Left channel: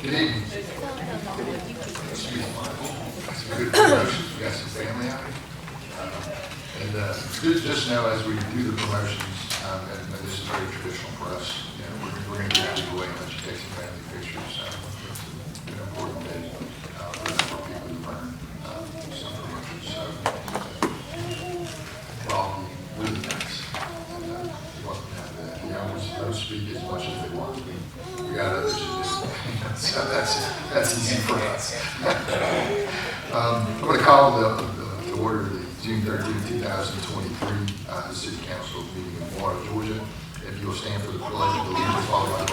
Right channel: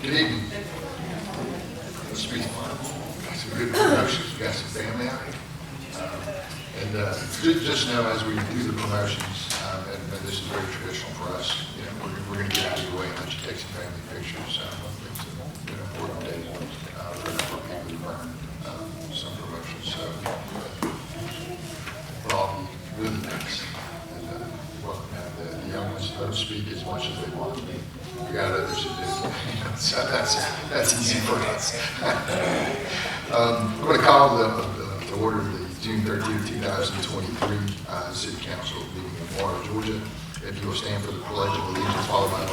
Good evening. It's been some good promotions. We got some family out here. Just know as we do the promotions, and this is very traditional for us, you know, we're going to get out of the way and let you take some family pictures. It's an important day for people who earn some promotions. So we'll all be really nice. And welcome to have the young ones to speak as much as they want to. We got others who do. So that's easy for us. I'm going to call the order of the June 13, 2023 City Council meeting in Morrow, Georgia. If you will stand for the Pledge of Allegiance, followed by the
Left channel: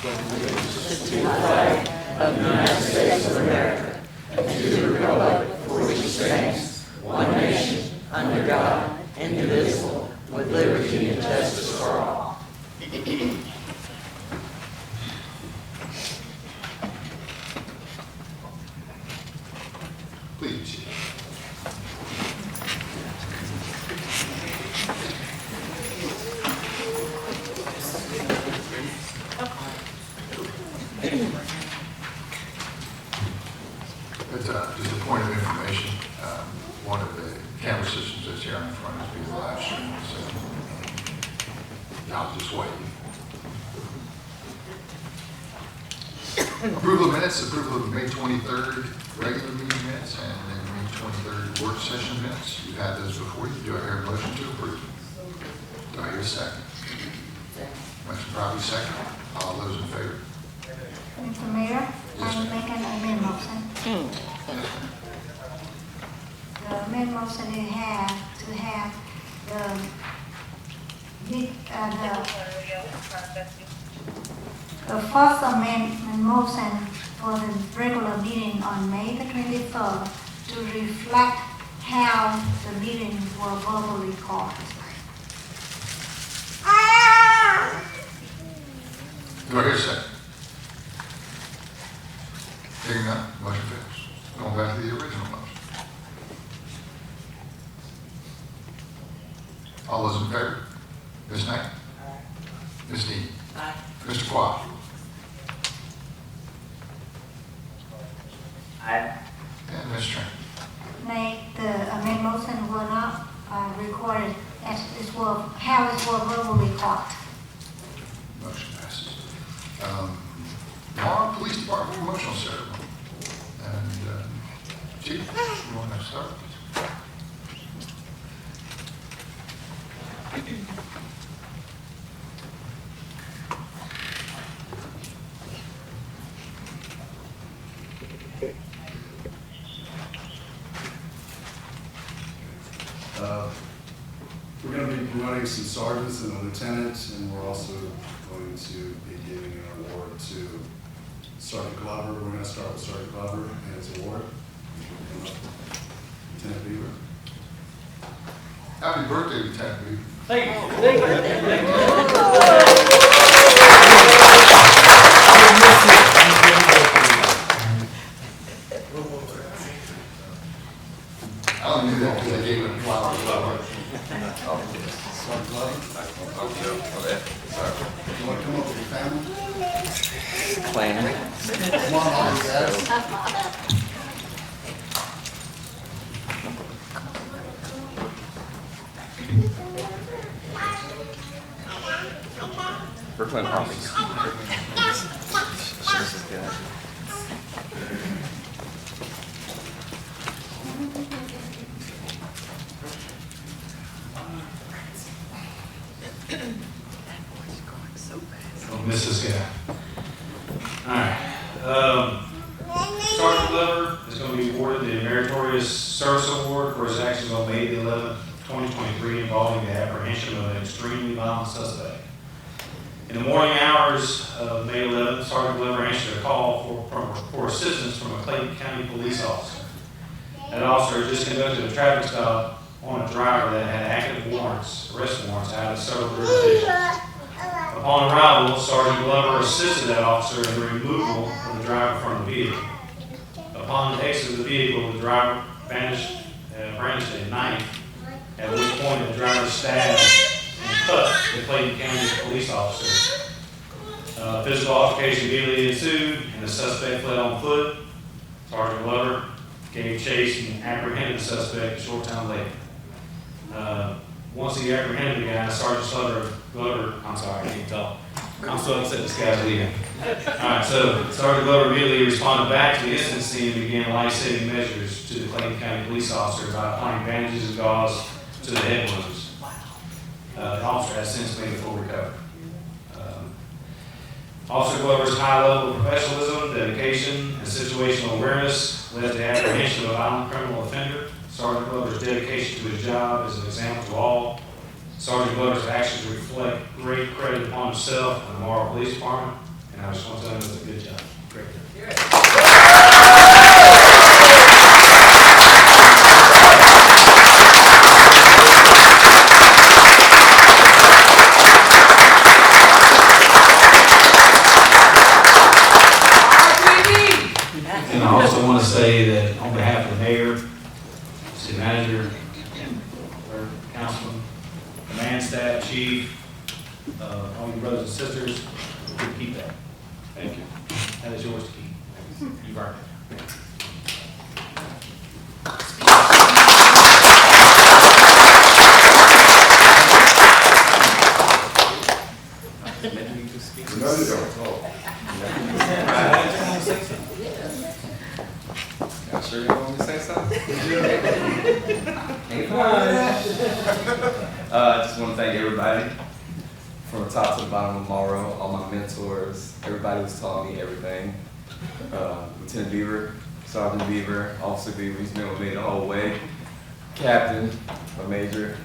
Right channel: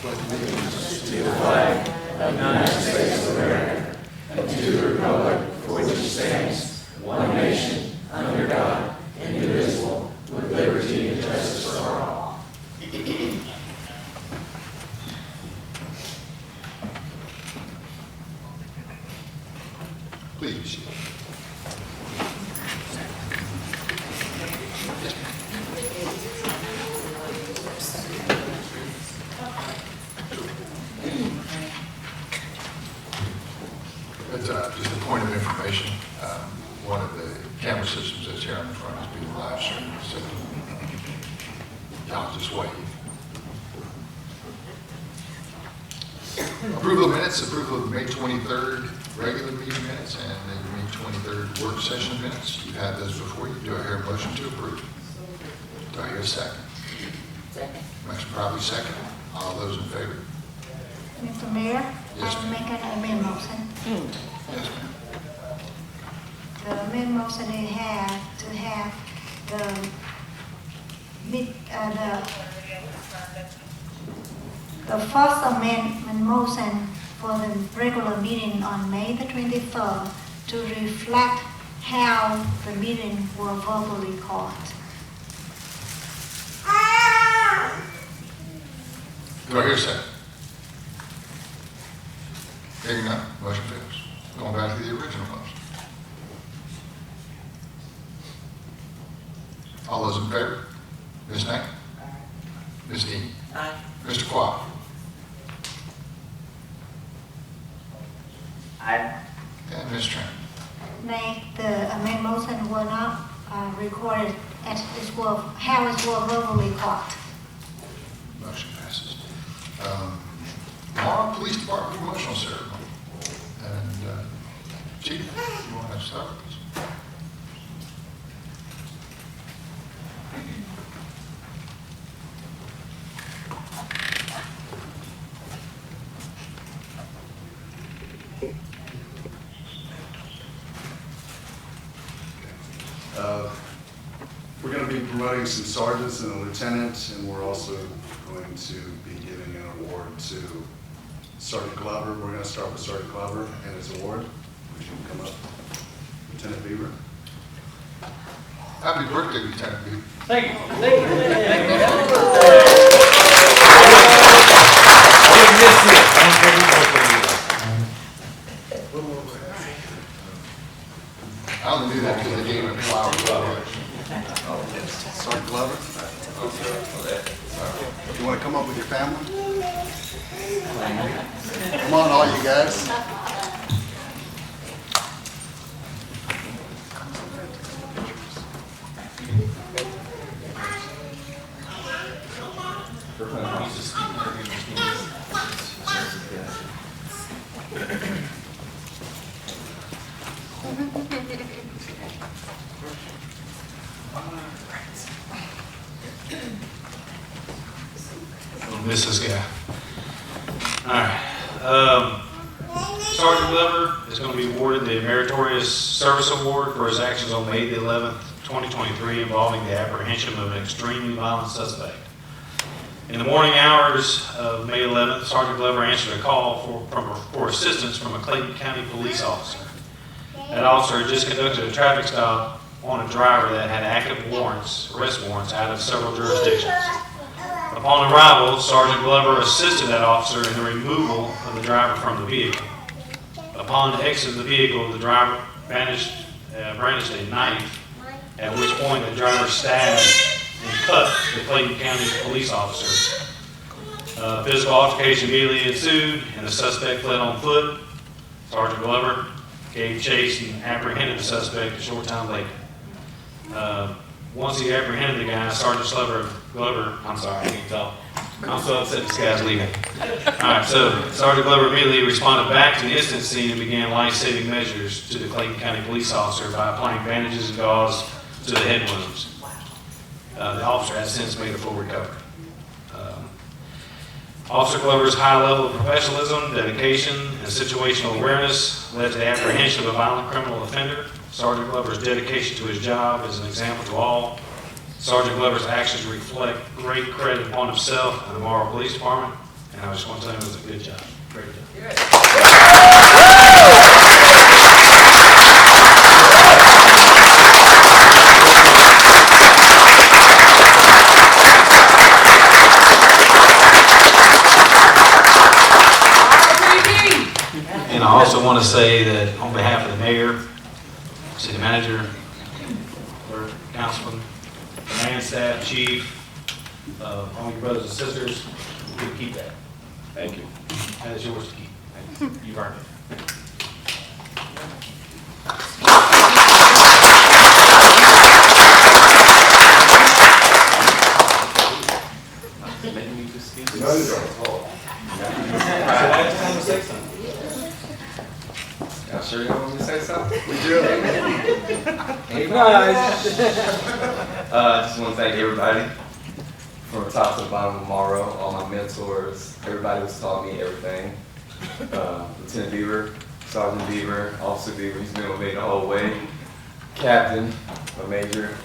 Pledge of Allegiance to the flag of the United States of America and to the republic for which it stands, one nation, under God, indivisible, with liberty and justice for all. Please be seated. As just a point of information, one of the camera systems that's here in the front is being live streamed, so y'all just wait. Approval of minutes, approval of May 23rd regular meeting minutes and May 23rd work session minutes. You have those before you. Do I hear a motion to approve? Do I hear a second? Second. Motion probably second. All those in favor? Mr. Mayor? Yes, I ma'am. make an amendment. The amendments that you have to have the first amendment motion for the regular meeting on May the 23rd to reflect how the meeting will verbally recorded. Do I hear a second? Hearing none, motion fails. Going back to the original motion. All those in favor? Ms. Knapp? Ms. Dean? Aye. Mr. Quah? Aye. And Ms. Tran? Nay, the amendment motion will not recorded as it will, how it will verbally recorded. Motion passes. Morrow Police Department promotional ceremony. And Chief, you want to start? We're going to be promoting some sergeants and a lieutenant, and we're also going to be giving an award to Sergeant Glover. We're going to start with Sergeant Glover and his award. Would you come up? Lieutenant Beaver. Happy birthday, Lieutenant Beaver. Thank you. I only knew that because they gave him a flower. Yes. Sergeant Glover. You want to come up with your family? plan. Come on, all you guys. Brooklyn wants to speak over here. Sure, this is a good idea. Miss this guy. All right. Sergeant Glover is going to be awarded the Meritorious Service Award for his actions on May the 11th, 2023, involving the apprehension of an extremely violent suspect. In the morning hours of May 11th, Sergeant Glover answered a call for assistance from a Clayton County police officer. That officer had just conducted a traffic stop on a driver that had active arrest warrants out of several jurisdictions. Upon arrival, Sergeant Glover assisted that officer in the removal of the driver from the vehicle. Upon the exit of the vehicle, the driver brandished a knife, at which point the driver stabbed and cut the Clayton County police officer. Physical altercation immediately ensued, and the suspect fled on foot. Sergeant Glover gave chase and apprehended the suspect a short time later. Once he apprehended the guy, Sergeant Glover, I'm sorry, I can't talk. I'm so upset this guy's leaving. All right, so Sergeant Glover immediately responded back to the incident scene and began life-saving measures to the Clayton County police officer by applying bandages and gauze to the head wounds. The officer has since made a full recovery. Officer Glover's high level of professionalism, dedication, and situational awareness led to the apprehension of a violent criminal offender. Sergeant Glover's dedication to his job is an example to all. Sergeant Glover's actions reflect great credit upon himself and the Morrow Police Department, and I just want to tell him it was a good job. Great job. And I also want to say that on behalf of the mayor, city manager, clerk, councilman, command staff, chief, all your brothers and sisters, you can keep that. Thank you. That is yours to keep. Thanks. You've earned it. Making me just speak. No, you don't. It's time to say something. Y'all sure you don't want me to say something? Ain't I just want to thank everybody from the top to the bottom of Morrow, all my mentors, everybody who's taught me everything. Lieutenant Beaver, Sergeant Beaver, Officer Beaver, he's been with me the whole way. Captain, my major,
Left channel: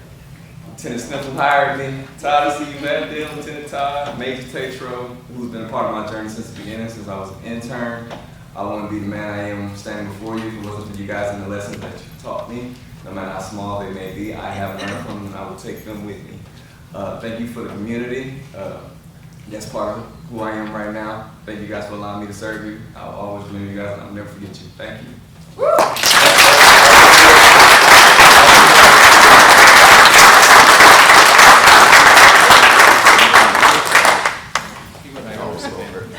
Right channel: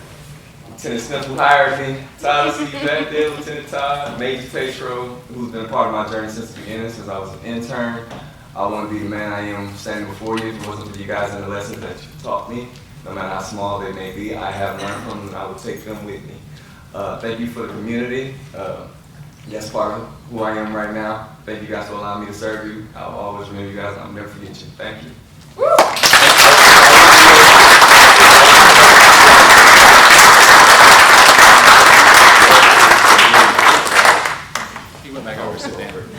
Lieutenant Smith who hired me, Todd, I see you back there, Lieutenant Todd, Major Tatro, who's been a part of my journey since the beginning, since I was an intern. I wouldn't be the man I am standing before you if it wasn't for you guys and the lessons that you taught me. No matter how small they may be, I have learned from them and I will take them with me. Thank you for the community. That's part of who I am right now. Thank you guys for allowing me to serve you. I'll always remember you guys and I'll never forget you. Thank you. He went back over to Denver.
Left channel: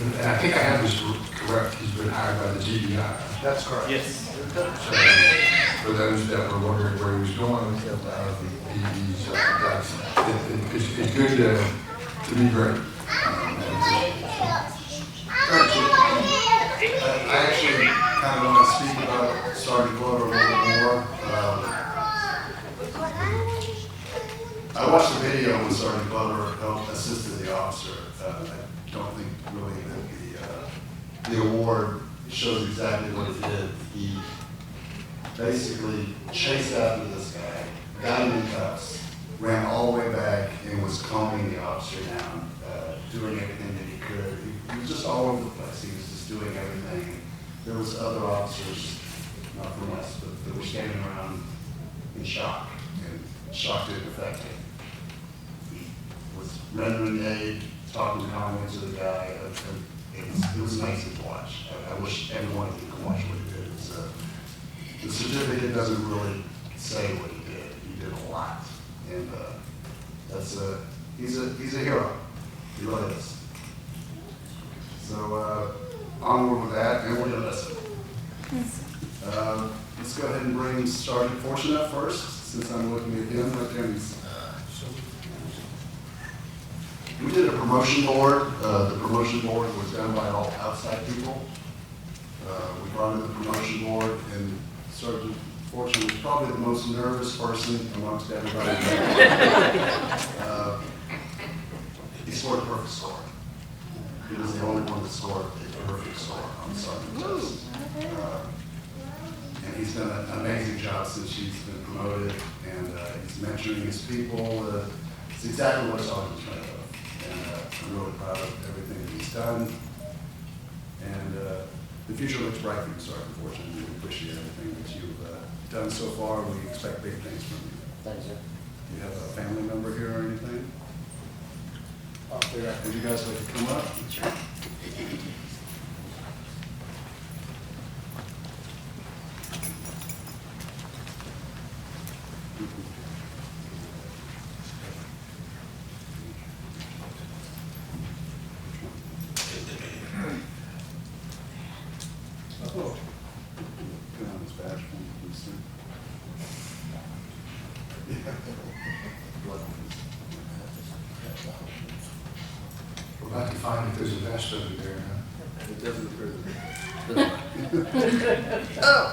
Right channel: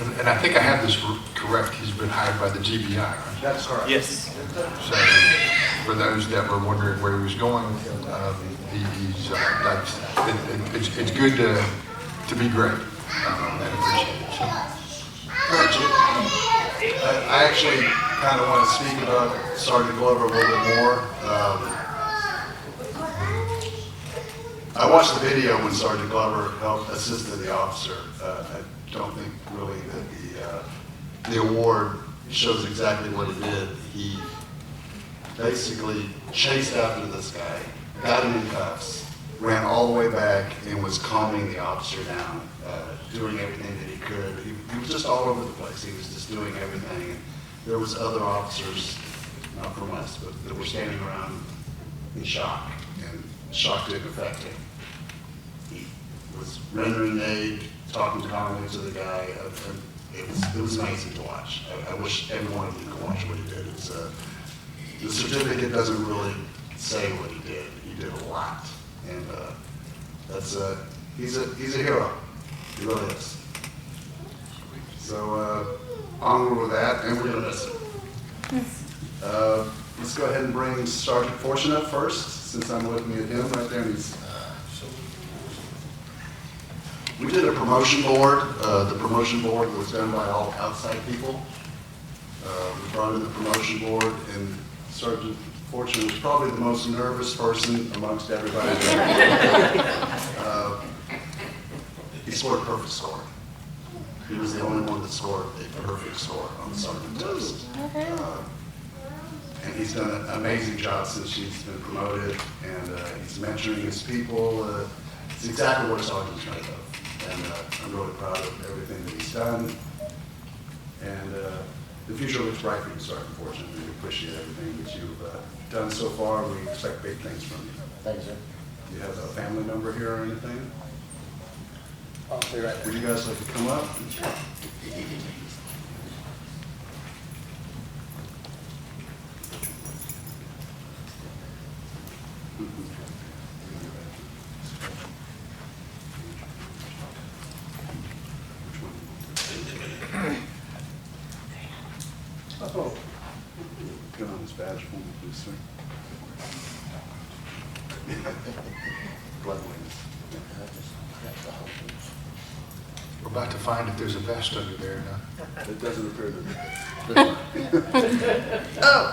And I think I have this correct, he's been hired by the GBI. Right? That's correct. Yes. So, for those that were wondering where he was going, it's good to be great. I appreciate it. I actually kind of want to speak about Sergeant Glover a little bit more. I watched the video when Sergeant Glover helped assisted the officer. I don't think really that the award shows exactly what he did. He basically chased after this guy, got him in cuffs, ran all the way back, and was calming the officer down, doing everything that he could. He was just all over the place. He was just doing everything. And there was other officers, not from us, but that were standing around in shock, and shock didn't affect him. He was rendering aid, talking calmly to the guy. It was amazing to watch. I wish every one of you could watch what he did. The certificate doesn't really say what he did. He did a lot, and he's a hero. He really is. So onward with that, and we're gonna miss him. Let's go ahead and bring Sergeant Fortune up first, since I'm looking at him right there. And we did a promotion board. The promotion board was done by all outside people. We brought in the promotion board, and Sergeant Fortune was probably the most nervous person amongst everybody there. He scored a perfect score. He was the only one that scored a perfect score on the sergeant test. And he's done an amazing job since he's been promoted, and he's mentoring his people. It's exactly what a sergeant's made of. And I'm really proud of everything that he's done. And the future looks bright for you, Sergeant Fortune, and we appreciate everything that you've done so far. We expect big things from you. Thank you, sir. Do you have a family member here or anything? I'll stay right there. Would you guys like to come up? Sure. Put on his badge for me, please, sir. Blood wings. We're about to find if there's a vest over there or not. It doesn't appear that. Oh!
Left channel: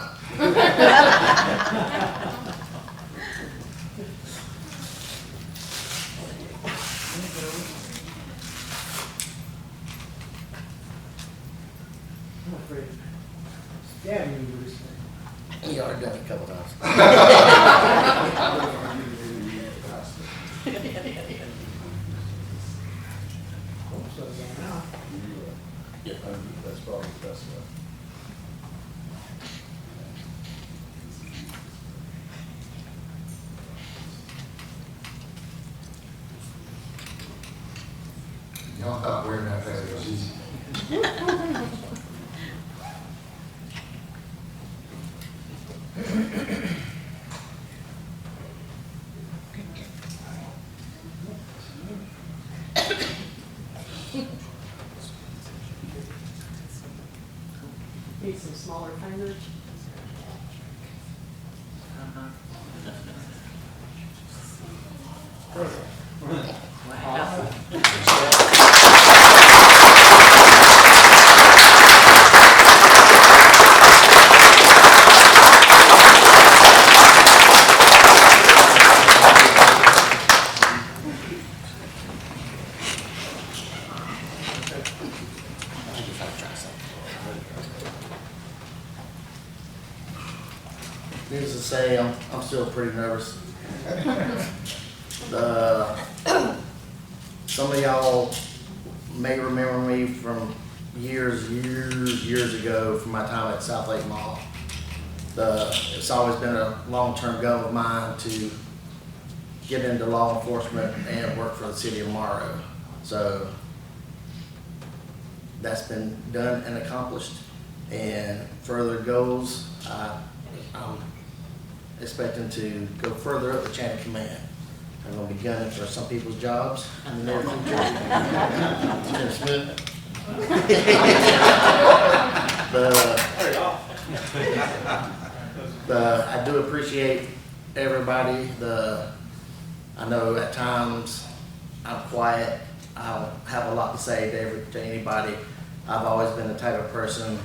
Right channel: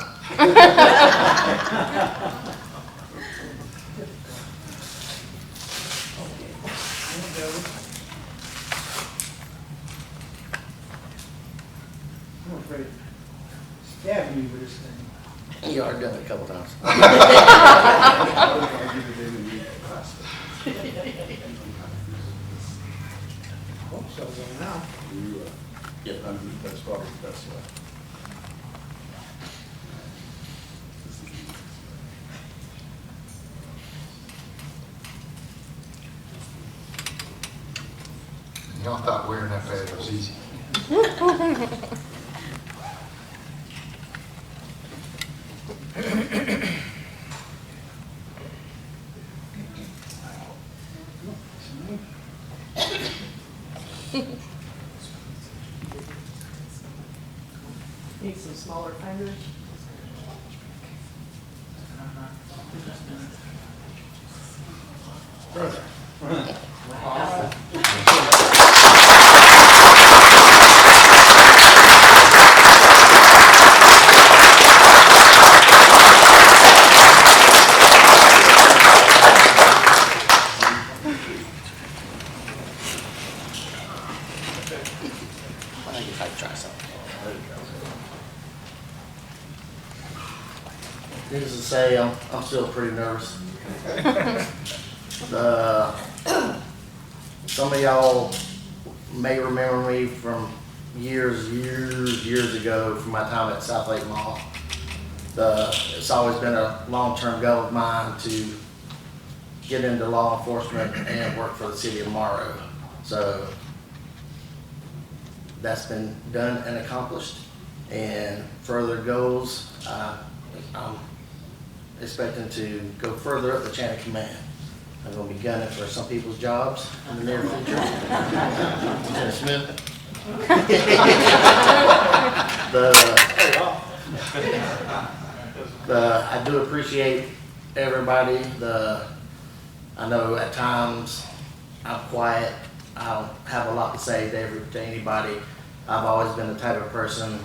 I'm afraid of stabbing you with this thing. You already done it a couple times. What if I get it in and you pass it? Hope so, by now. Yep. That's probably the best way. This is the easiest way. Y'all thought wearing that badge was easy. Need some smaller fingers. I guess I can try something. Needless to say, I'm still pretty nervous. Some of y'all may remember me from years ago from my time at South Lake Mall. It's always been a long-term goal of mine to get into law enforcement and work for the city of Morrow. So that's been done and accomplished. And further goals, I'm expecting to go further up the chain of command. I'm gonna be gunning for some people's jobs in the near future. Lieutenant Smith. I do appreciate everybody. I know at times I'm quiet. I don't have a lot to say to anybody. I've always been the type of person,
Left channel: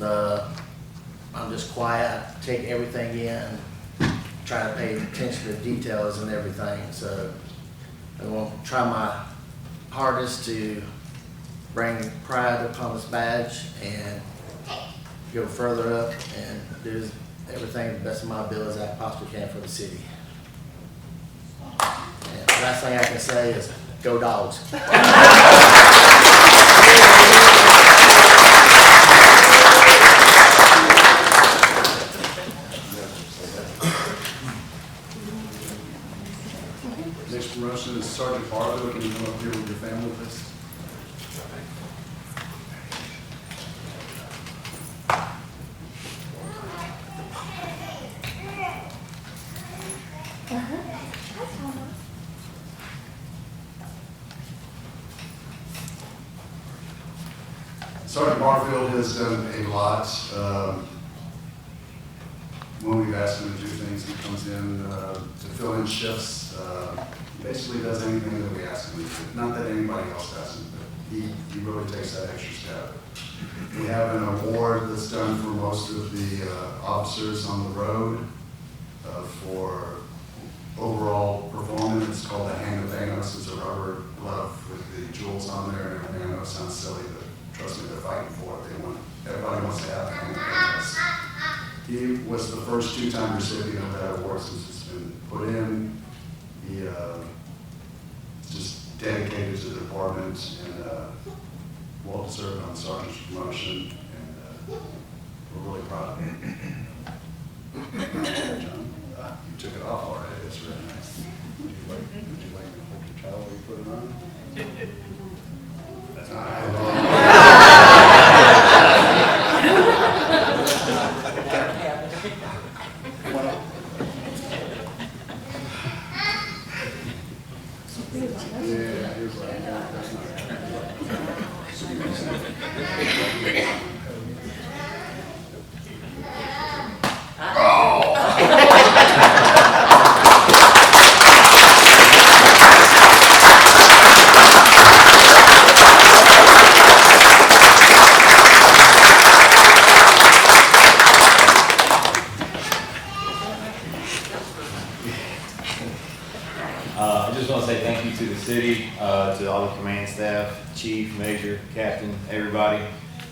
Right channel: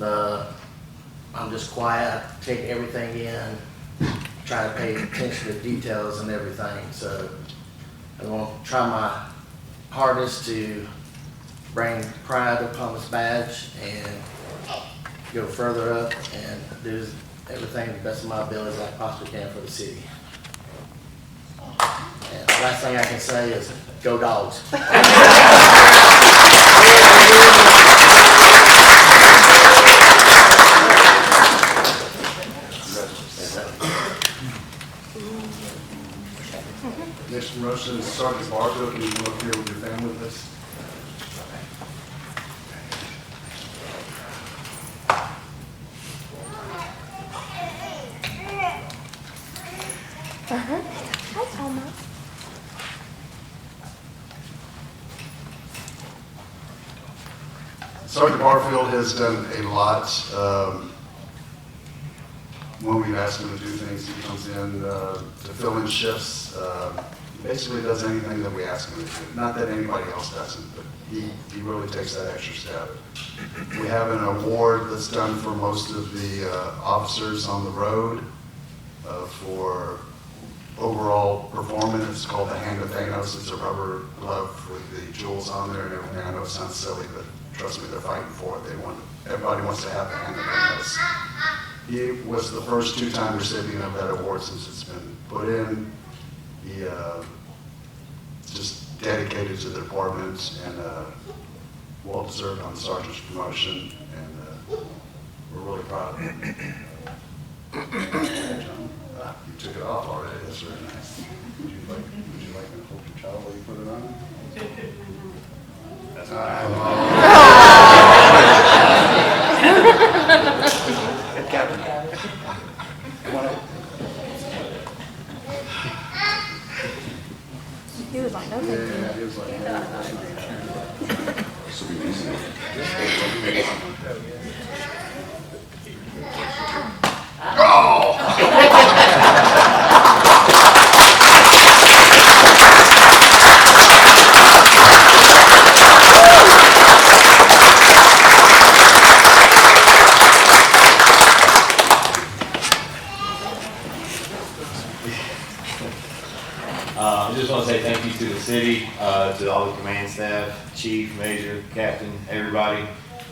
I'm just quiet, I take everything in, try to pay attention to details and everything. So I'm going to try my hardest to bring pride upon this badge and go further up and do everything to the best of my abilities I possibly can for the city. And the last thing I can say is, go Dogs. Next promotion is Sergeant Barfield. Can you come up here with your family, please? Sergeant Barfield has done a lot. When we've asked him to do things, he comes in to fill in shifts. He basically does anything that we ask him to do. Not that anybody else doesn't, but he really takes that extra step. We have an award that's done for most of the officers on the road for overall performance. It's called the Hand of Thanos. It's a rubber glove with the jewels on there and everything. I know it sounds silly, but trust me, they're fighting for it. Everybody wants to have the Hand of Thanos. He was the first two-time recipient of that award since it's been put in. He just dedicated to the department and well-deserved on the sergeant's promotion, and we're really proud of him. Yeah, John, you took it off already. That's very nice. Would you like me to hold your towel while you put it on? That's all right. Captain, come on up. He was like, okay. Yeah, he was like, yeah, that's not gonna happen. This will be easy. I just want to say thank you to the city, to all the command staff, chief, major, captain, everybody.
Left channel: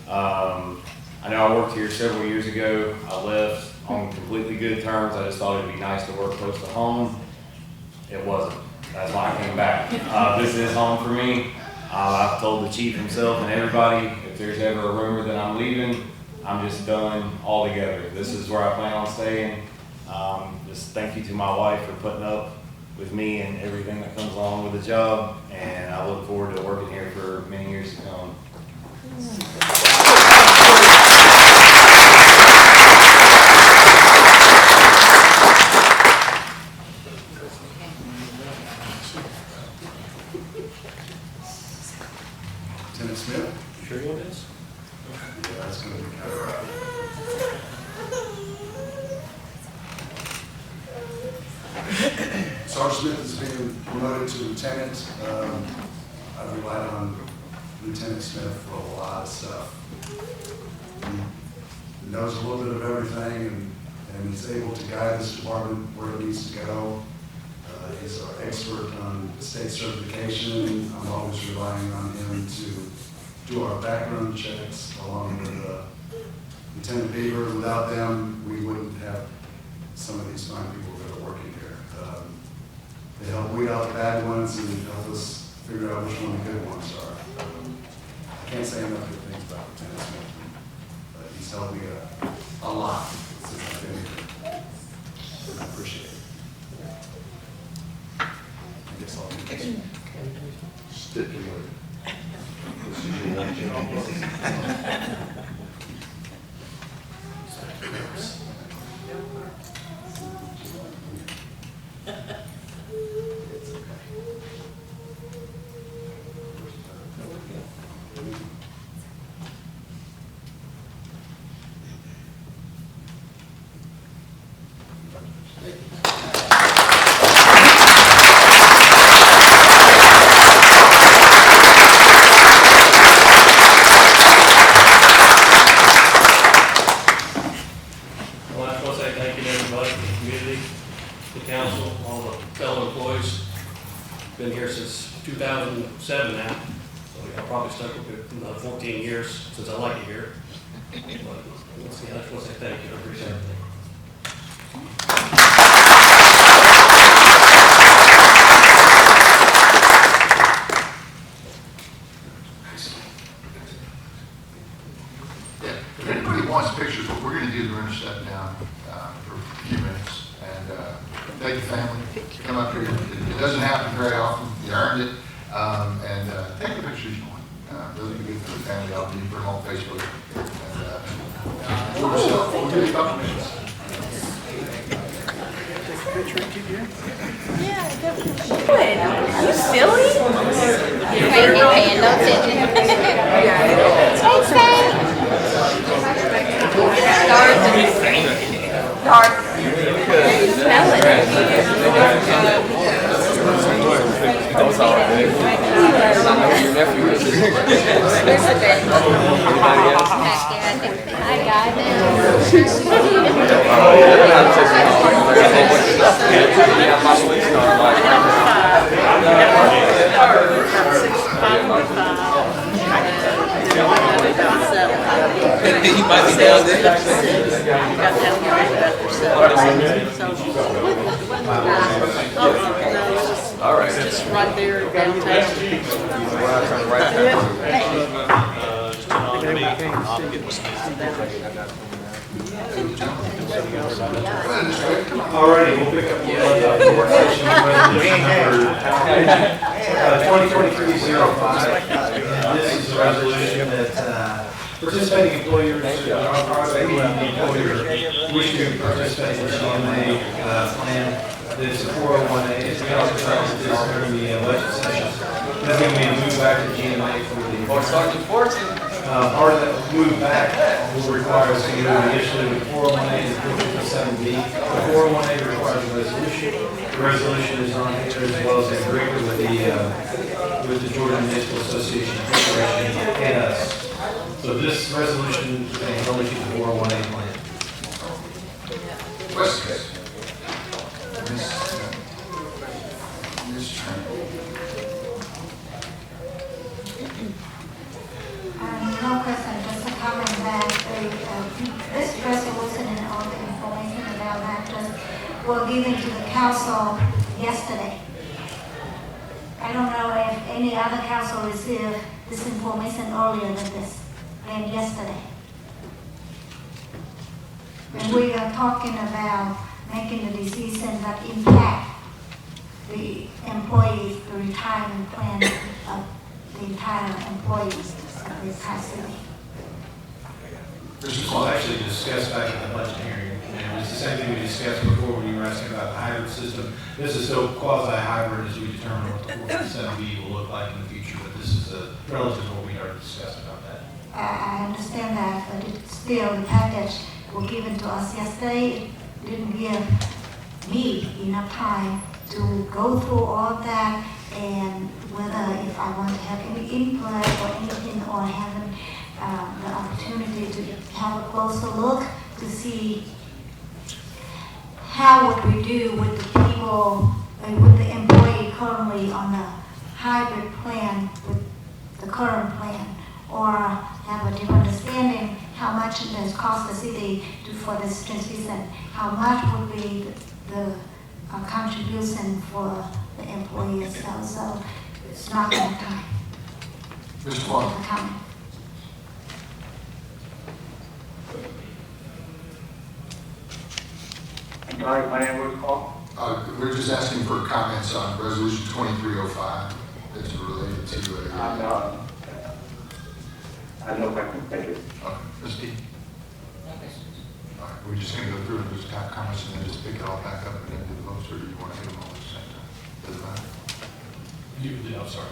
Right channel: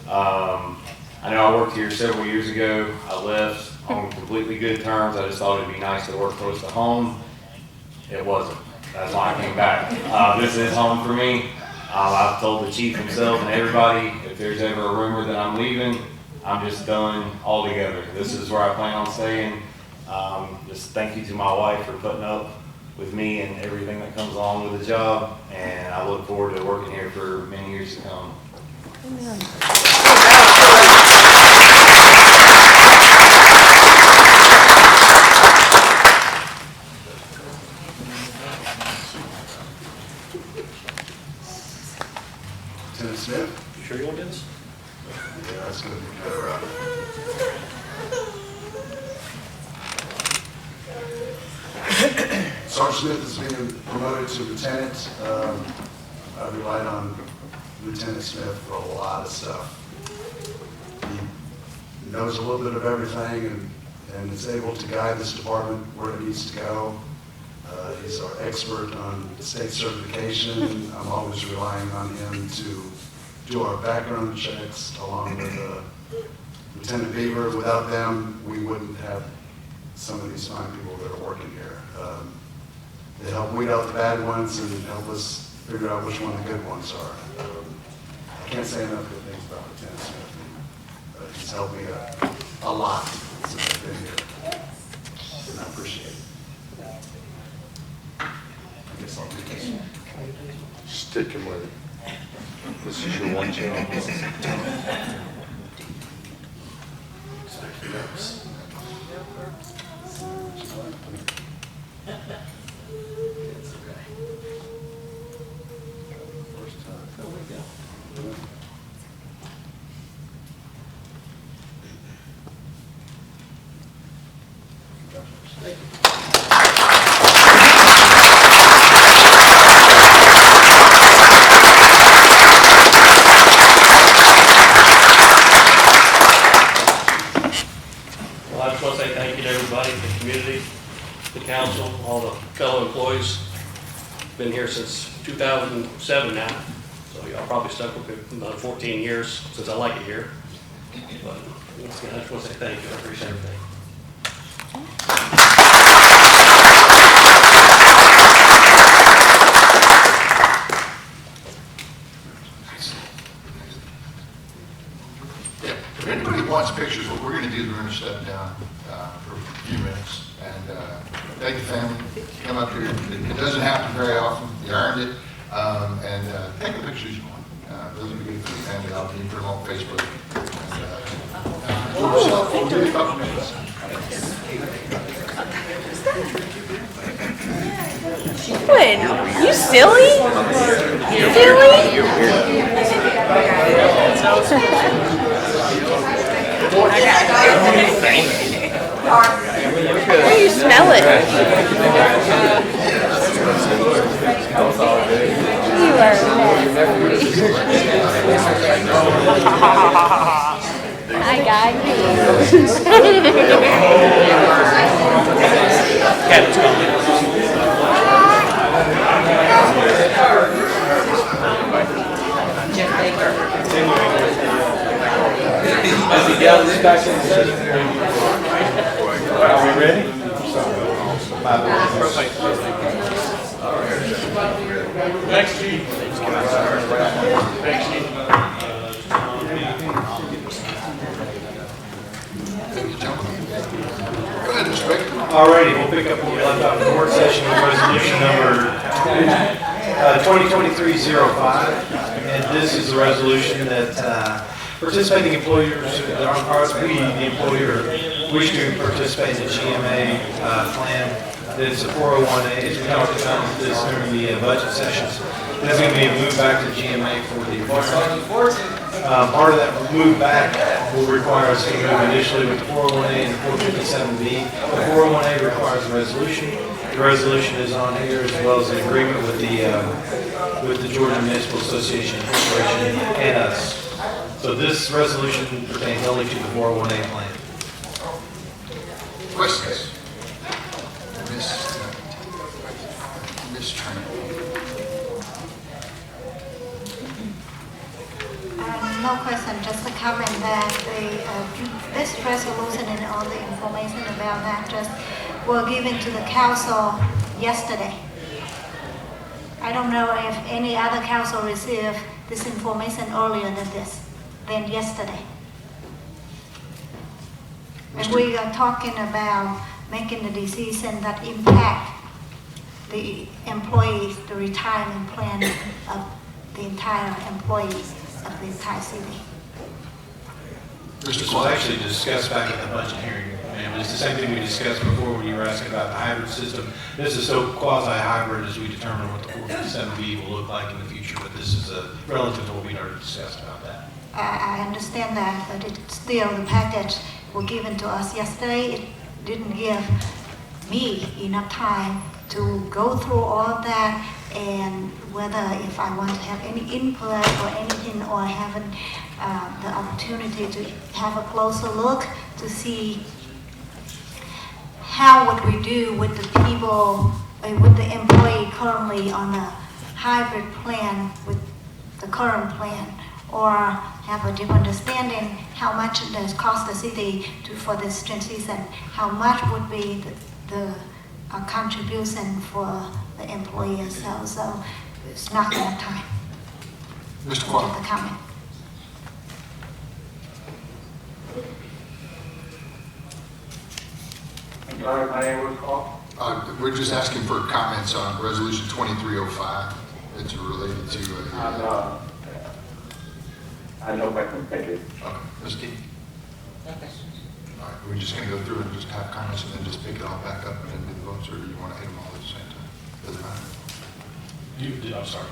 I know I worked here several years ago. I left on completely good terms. I just thought it'd be nice to work close to home. It wasn't. That's why I came back. This is home for me. I've told the chief himself and everybody, if there's ever a rumor that I'm leaving, I'm just done altogether. This is where I plan on staying. Just thank you to my wife for putting up with me and everything that comes along with the job, and I look forward to working here for many years to come. Lieutenant Smith? Sure it is. Yeah, it's gonna be kind of rough. Sergeant Smith is being promoted to lieutenant. I've relied on Lieutenant Smith for a lot of stuff. He knows a little bit of everything and is able to guide this department where it needs to go. He's our expert on state certification. I'm always relying on him to do our background checks along with Lieutenant Beaver. Without them, we wouldn't have some of these fine people that are working here. They help weed out the bad ones and help us figure out which one the good ones are. I can't say enough good things about Lieutenant Smith. He's helped me a lot since I've been here, and I appreciate it. I guess I'll do this one. Sticking with it. This is your one chance. It's okay. First time. There we go. Thank you. Well, I just want to say thank you to everybody, the community, the council, all the fellow employees. Been here since 2007 now, so y'all probably stuck with it about 14 years since I like it here. But once again, I just want to say thank you. I appreciate everything. Yeah, if anybody wants pictures, what we're going to do, we're going to step down for a few minutes and thank the family. Come up here. It doesn't happen very often. You earned it. And take a picture. Those will be good for the family. I'll be put them on Facebook. And enjoy yourself. We'll do it a couple minutes. What? You silly? Yeah. Got it. That was all good. And I know who your nephew is. Anybody else? Are you ready? All right. Just right there. All righty, we'll pick up the work session with resolution number 2023-05. And this is a resolution that participating employers, we, the employer, wish to participate in the GMA plan. That it's a 401A. We talked about this during the budget sessions. There's going to be a move back to GMA for the retirement. Part of that move back will require us to move initially with 401A and 457B. The 401A requires a resolution. The resolution is on here as well as an agreement with the Georgia Municipal Association Corporation and us. So this resolution pertains only to the 401A plan. Questions? No question, just a comment that this resolution and all the information about that just were given to the council yesterday. I don't know if any other council received this information earlier than yesterday. And we are talking about making a decision that impact the employees, the retirement plan of the entire employees of the entire city. This was actually discussed back at the budget hearing, Mayor. It's the same thing we discussed before when you were asking about the hybrid system. This is so quasi-hybrid as we determine what the 457B will look like in the future, but this is a relative to what we already discussed about that. I understand that, but it's still the package were given to us yesterday. It didn't give me enough time to go through all of that and whether if I want to have any input or anything or having the opportunity to have a closer look to see how would we do with the people, with the employee currently on a hybrid plan with the current plan, or have a different understanding how much it does cost the city for this transition, how much would be the contribution for the employee as well. So it's not enough time. Mr. Clark. To comment. I'm sorry, my name was called. We're just asking for comments on resolution 2305 that's related to. I have no questions, thank you. Ms. D? No questions. All right, we're just going to go through and just have comments and then just pick it all back up and then do the votes, or you want to take them all at the same time? Doesn't matter. You did, I'm sorry.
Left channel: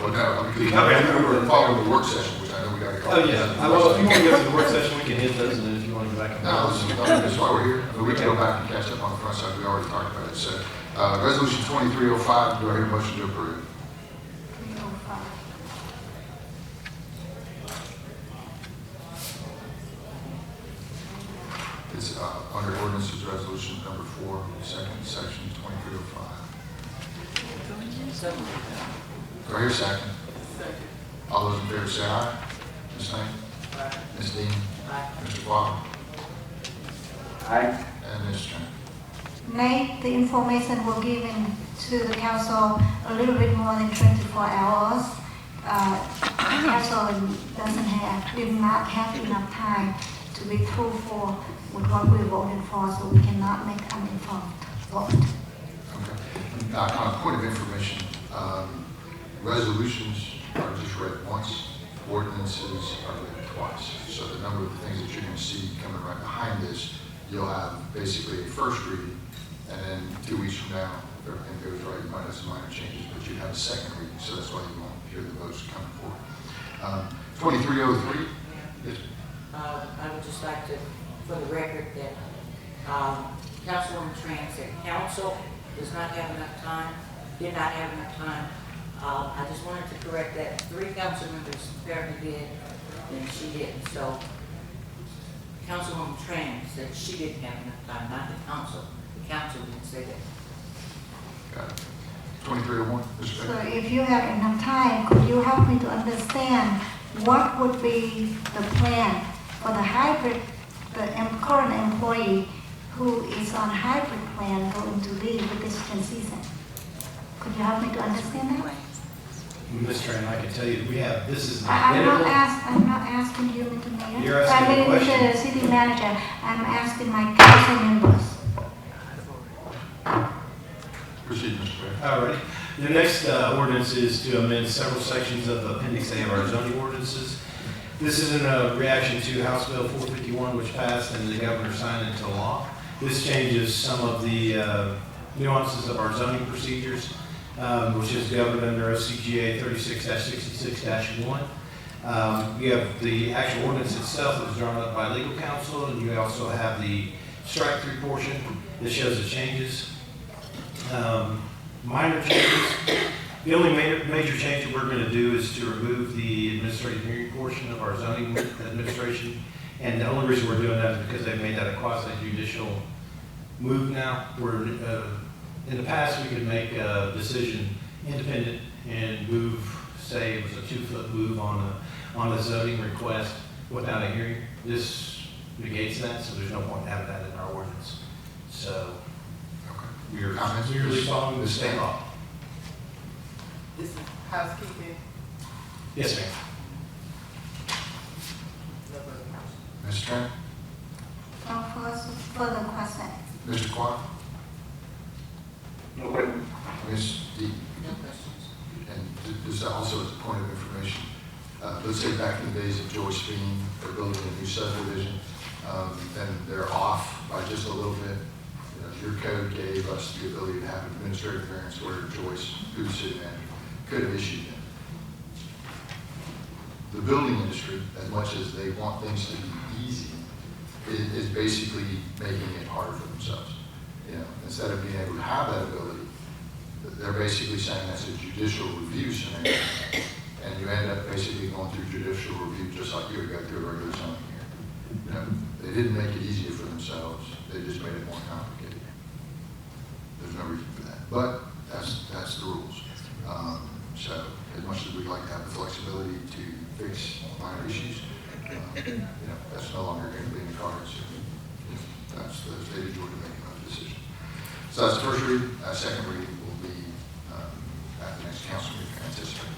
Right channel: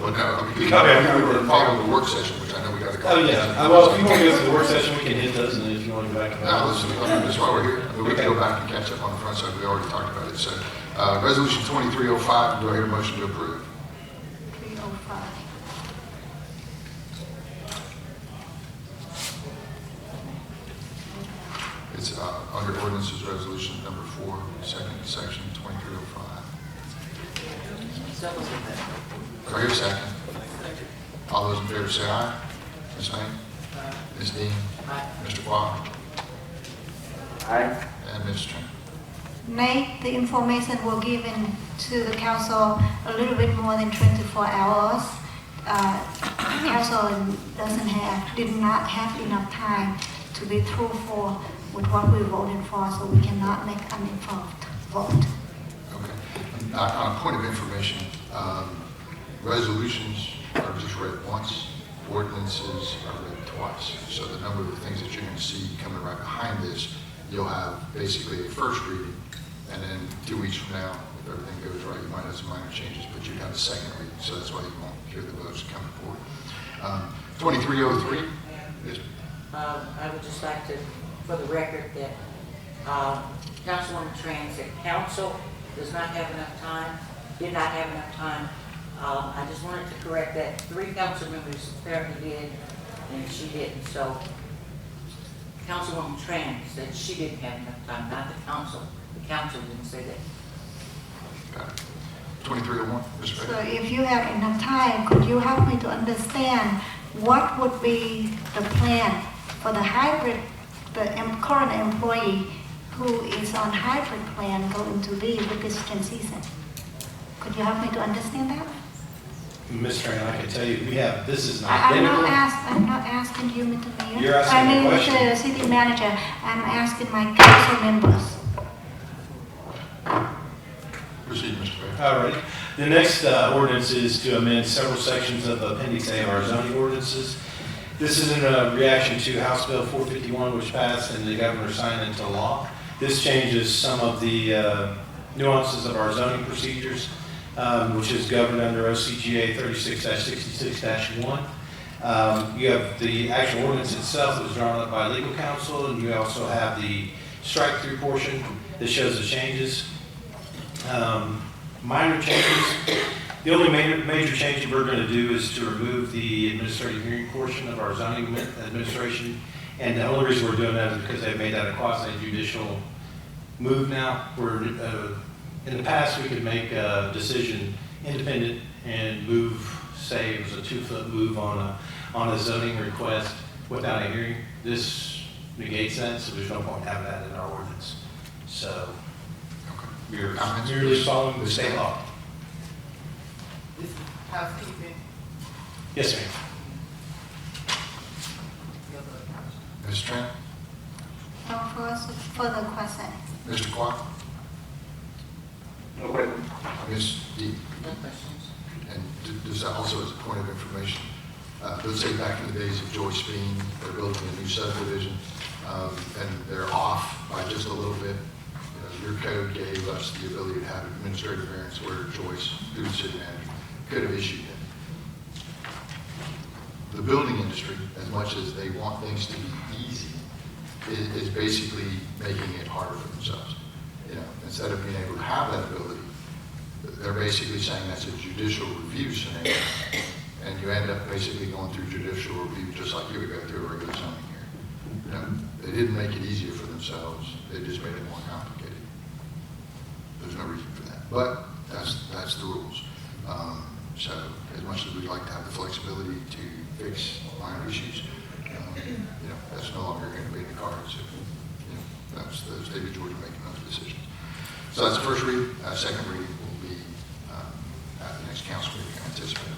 Well, no, we were following the work session, which I know we got to go. Oh, yeah. Well, if you want to go to the work session, we can hit those, and then if you want to go back to the. No, that's why we're here. We can go back and catch up on the front side. We already talked about it. So, resolution 2305, do I hear a motion to approve? It's under ordinances resolution number 4, section 2305. Do I hear a second? All those in favor say aye. Ms. Lane? Aye. Ms. Dean? Aye. Mr. Clark? Aye. And Ms. Chen? Nay, the information were given to the council a little bit more than 24 hours. Council did not have enough time to be through with what we voted for, so we cannot make an informed vote. Okay. On point of information, resolutions are just read once, ordinances are read twice. So the number of things that you're going to see coming right behind this, you'll have basically a first reading, and then 2 weeks from now, if everything goes right, you might have some minor changes, but you have a second reading, so that's why you won't hear the votes coming forward. 2303? Yes. I would just like to, for the record, that Councilwoman Tran said council does not have enough time, did not have enough time. I just wanted to correct that. 3 council members apparently did, and she didn't. So Councilwoman Tran said she didn't have enough time, not the council. The council didn't say that. Got it. 2301, Mr. So Bailey. if you have enough time, could you help me to understand what would be the plan for the hybrid, the current employee who is on hybrid plan going to leave with this season? Could you help me to understand that? Ms. Tran, I can tell you, we have, this is an I'm identical. not asking you, Mr. Mayor. You're asking a question. I'm the city manager. I'm asking my council members. Proceed, Mr. Bailey. All right. The next ordinance is to amend several sections of Appendix A of our zoning ordinances. This is in a reaction to House Bill 451, which passed and the governor signed into law. This changes some of the nuances of our zoning procedures, which is governed under OCGA 36-66-1. You have the actual ordinance itself that was drawn up by legal counsel, and you also have the strike-through portion that shows the changes. Minor changes. The only major change we're going to do is to remove the administrative hearing portion of our zoning administration. And the only reason we're doing that is because they've made that a quasi-judicial move now. We're, in the past, we could make a decision independent and move, say it was a 2-foot move on a zoning request without a hearing. This negates that, so there's no point having that in our ordinance. So we're Comments? merely following the state law. This is housekeeping. Yes, ma'am. Ms. Tran? Of course, further question. Mr. Clark? No question. Ms. D? No questions. And just also as a point of information, let's say back in the days of George Speen, they're building a new subdivision, and they're off by just a little bit. Your code gave us the ability to have administrative variance where Joyce, who's the city manager, could have issued them. The building industry, as much as they want things to be easy, is basically making it harder for themselves. Instead of being able to have that ability, they're basically saying that's a judicial review scenario, and you end up basically going through judicial review just like you would go through a regular zoning hearing. They didn't make it easier for themselves; they just made it more complicated. There's no reason for that, but that's the rules. So as much as we'd like to have the flexibility to fix minor issues, that's no longer going to be in the cards. That's the stage where we're making those decisions. So that's the first reading. Second reading will be at the next council meeting, I anticipate.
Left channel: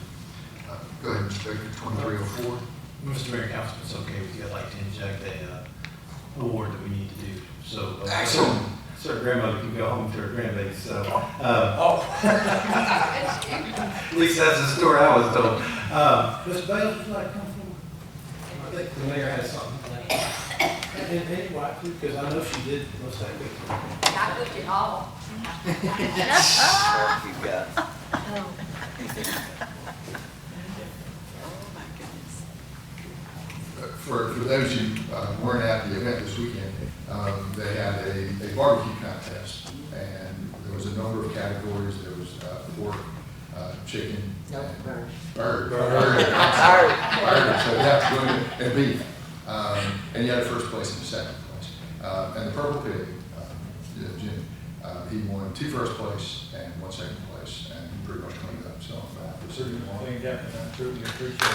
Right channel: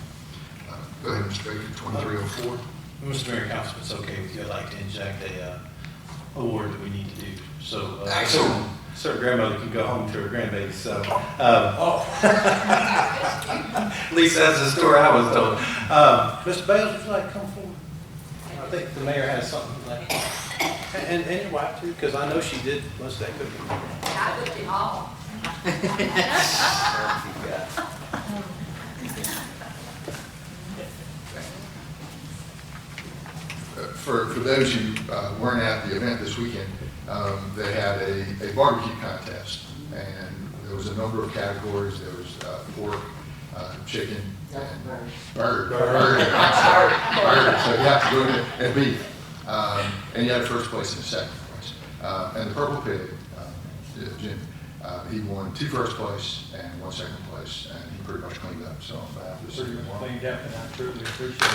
Go ahead, Mr. Baker, 2304. Mr. Mayor, Council, if it's okay with you, I'd like to inject a award that we need to do. So, Excellent. certain grandmother can go home to her grandbaby. So, at least that's the story I was told. Mr. Bales, would you like to come forward? I think the mayor has something like that. And your wife too, because I know she did most of that cooking. I did it all. For those who weren't at the event this weekend, they had a barbecue contest, and there was a number of categories. There was pork, chicken, No, and bird. bird. I'm sorry, bird. So you have to go in and beef, and you had a first place and a second place. And the Purple Pig, Jim, he won 2 first place and 1 second place, and he pretty much cleaned up. So on behalf of the city, Cleaned up, and I truly appreciate it.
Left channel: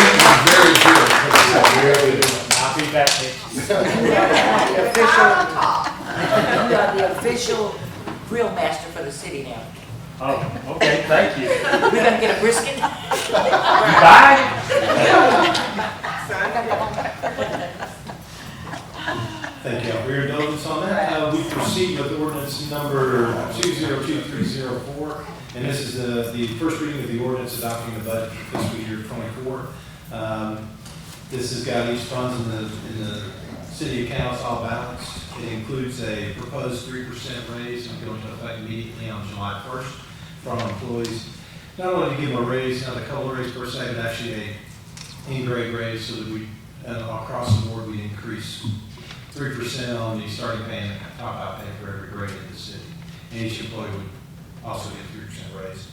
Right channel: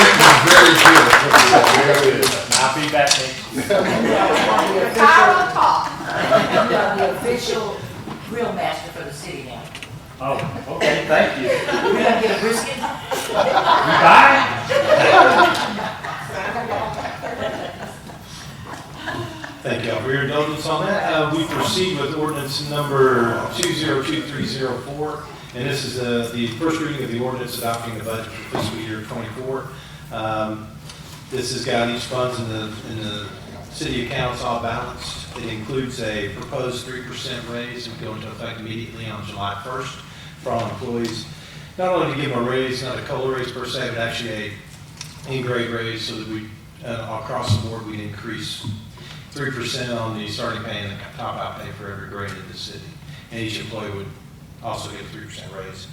It was very good. I'll be back next year. You are the official grill master for the city now. Oh, okay, thank you. We're gonna get a brisket? Bye. Thank you all for your indulgence on that. We proceed with ordinance number 202304, and this is the first reading of the ordinance adopting the budget for fiscal year '24. This has got each funds in the city accounts all balanced. It includes a proposed 3% raise and go into effect immediately on July 1st for all employees. not only to give them a raise, not a COLA raise per se, but actually a in-grade raise so that we, across the board, we increase 3% on the starting pay and top-out pay for every grade in the city. And each employee would also get a 3% raise.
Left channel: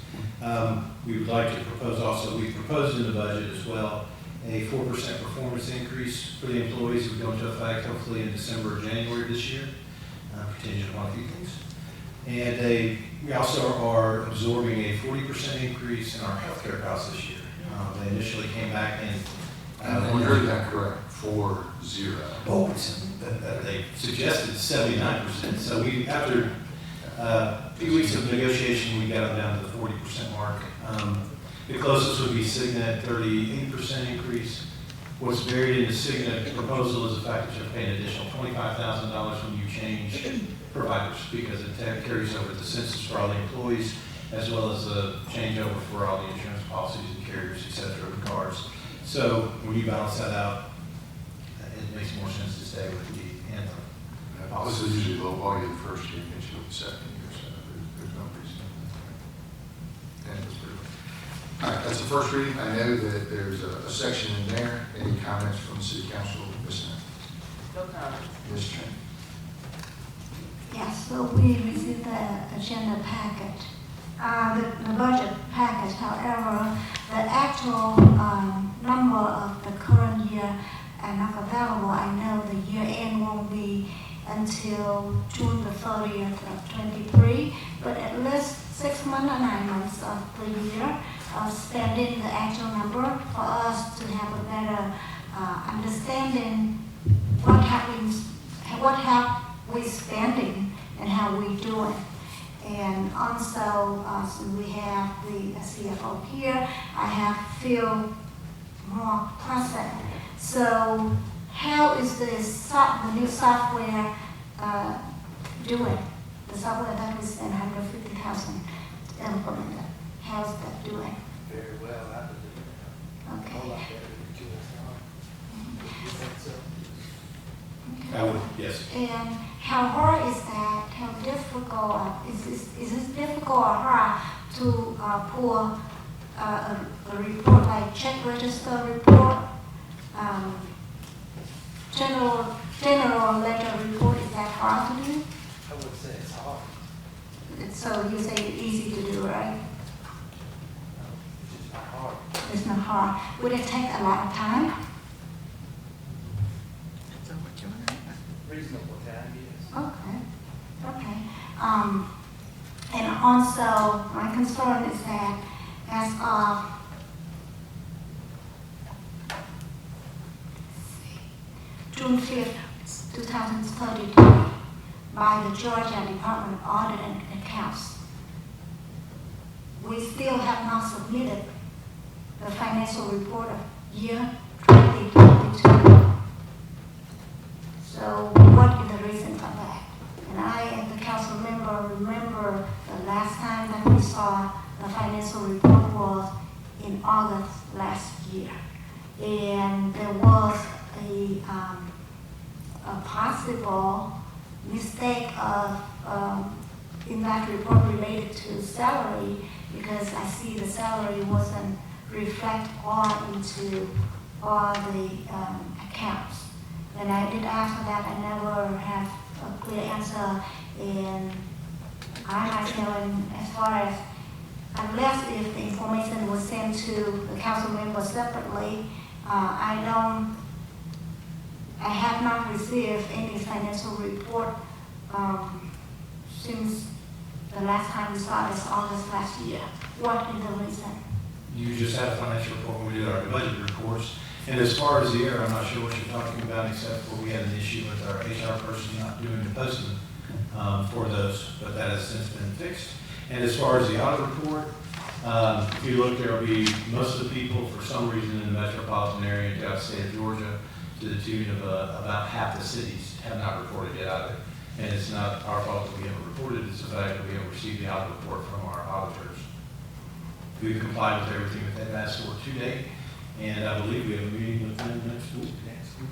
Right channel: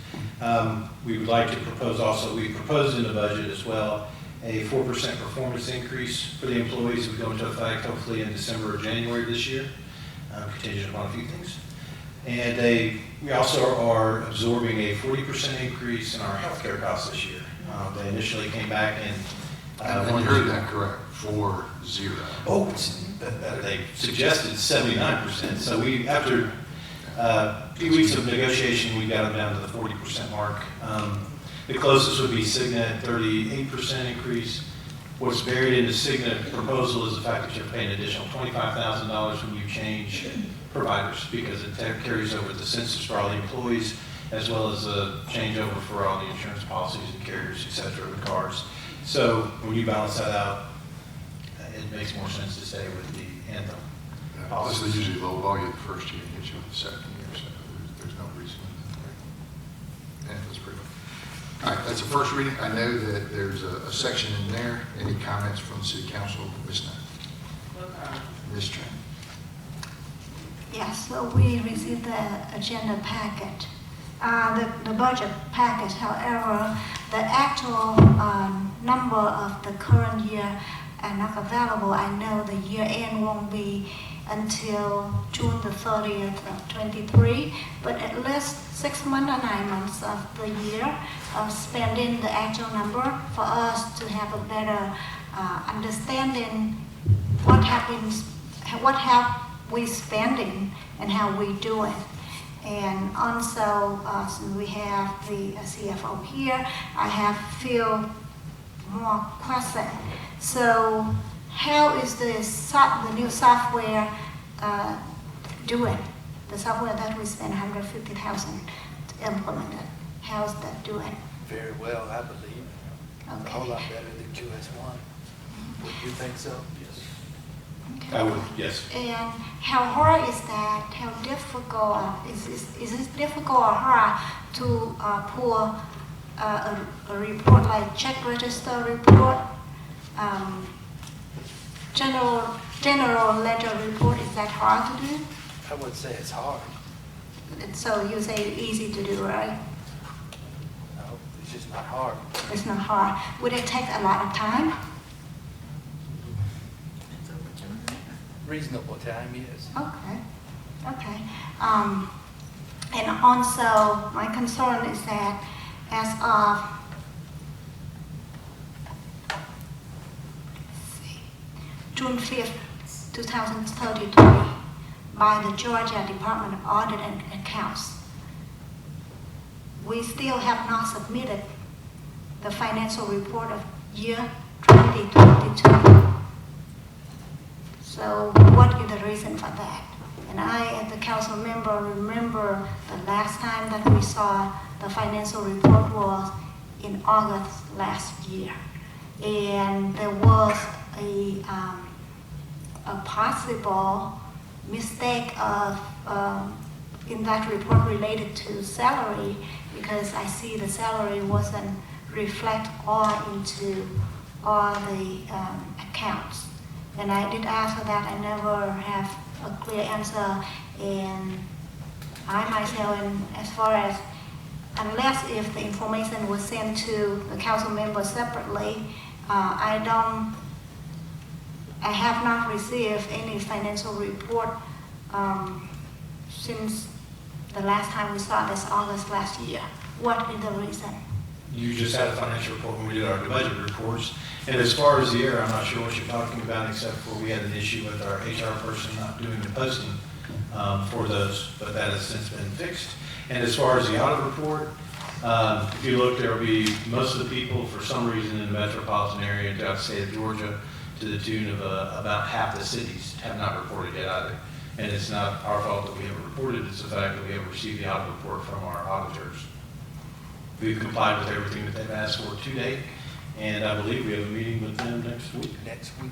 We would like to propose also, we proposed in the budget as well, a 4% performance increase for the employees that go into effect hopefully in December or January of this year, contingent upon a few things. And we also are absorbing a 40% increase in our healthcare costs this year. They initially came back and you heard that correct, 40. Oh, they suggested 79%. So we, after a few weeks of negotiation, we got it down to the 40% mark. The closest would be Cigna at 38% increase. What's buried in the Cigna proposal is the fact that you have to pay an additional $25,000 when you change providers, because it carries over the census for all the employees, as well as a changeover for all the insurance policies and carriers, et cetera, the cars. So when you balance that out, it makes more sense to stay with the anthem This policy. is usually low volume the first year, usually the second year, so there's no reason. And that's pretty good. All right, that's the first reading. I know that there's a section in there. Any comments from the city council? Ms. Knight? No comment. Ms. Tran? Yeah, so we received the agenda packet, the budget packet. However, the actual number of the current year are not available. I know the year end won't be until June the 30th of 23, but at least 6 months or 9 months of the year of spending the actual number for us to have a better understanding what happens, what have we spending and how we do it. And also, since we have the CFO here, I have feel more present. So how is the new software doing? The software that we spent $150,000 to implement it. How's that doing? Very well, I believe. A whole lot better than QS1. Would you think so? Yes. I would, yes. And how hard is that? How difficult is it difficult or hard to pull a report like check register report, general ledger report? Is that hard to do? I would say it's hard. So you say it's easy to do, right? No, it's just not hard. It's not hard. Would it take a lot of time? Reasonable time, yes. Okay, okay. And also, my concern is that as of June 5th, 2033, by the Georgia Department of Audit and Accounts, we still have not submitted the financial report of year 2022. So what is the reason for that? And I, as a council member, remember the last time that we saw the financial report was in August last year. And there was a possible mistake of in that report related to salary, because I see the salary wasn't reflect all into all the accounts. And I did ask for that. I never have a clear answer. And I myself, and as far as, unless if the information was sent to the council members separately, I have not received any financial report since the last time we saw this August last year. What is the reason? You just had a financial report when we did our budget reports. And as far as the error, I'm not sure what you're talking about, except for we had an issue with our HR person not doing the posting for those, but that has since been fixed. And as far as the audit report, if you look, there will be most of the people, for some reason, in the metropolitan area throughout the state of Georgia, to the tune of about half the cities have not reported yet either. And it's not our fault that we haven't reported, it's the fact that we haven't received the audit report from our auditors. We've complied with everything that they've asked for to date, and I believe we have a meeting with them next week. Next week.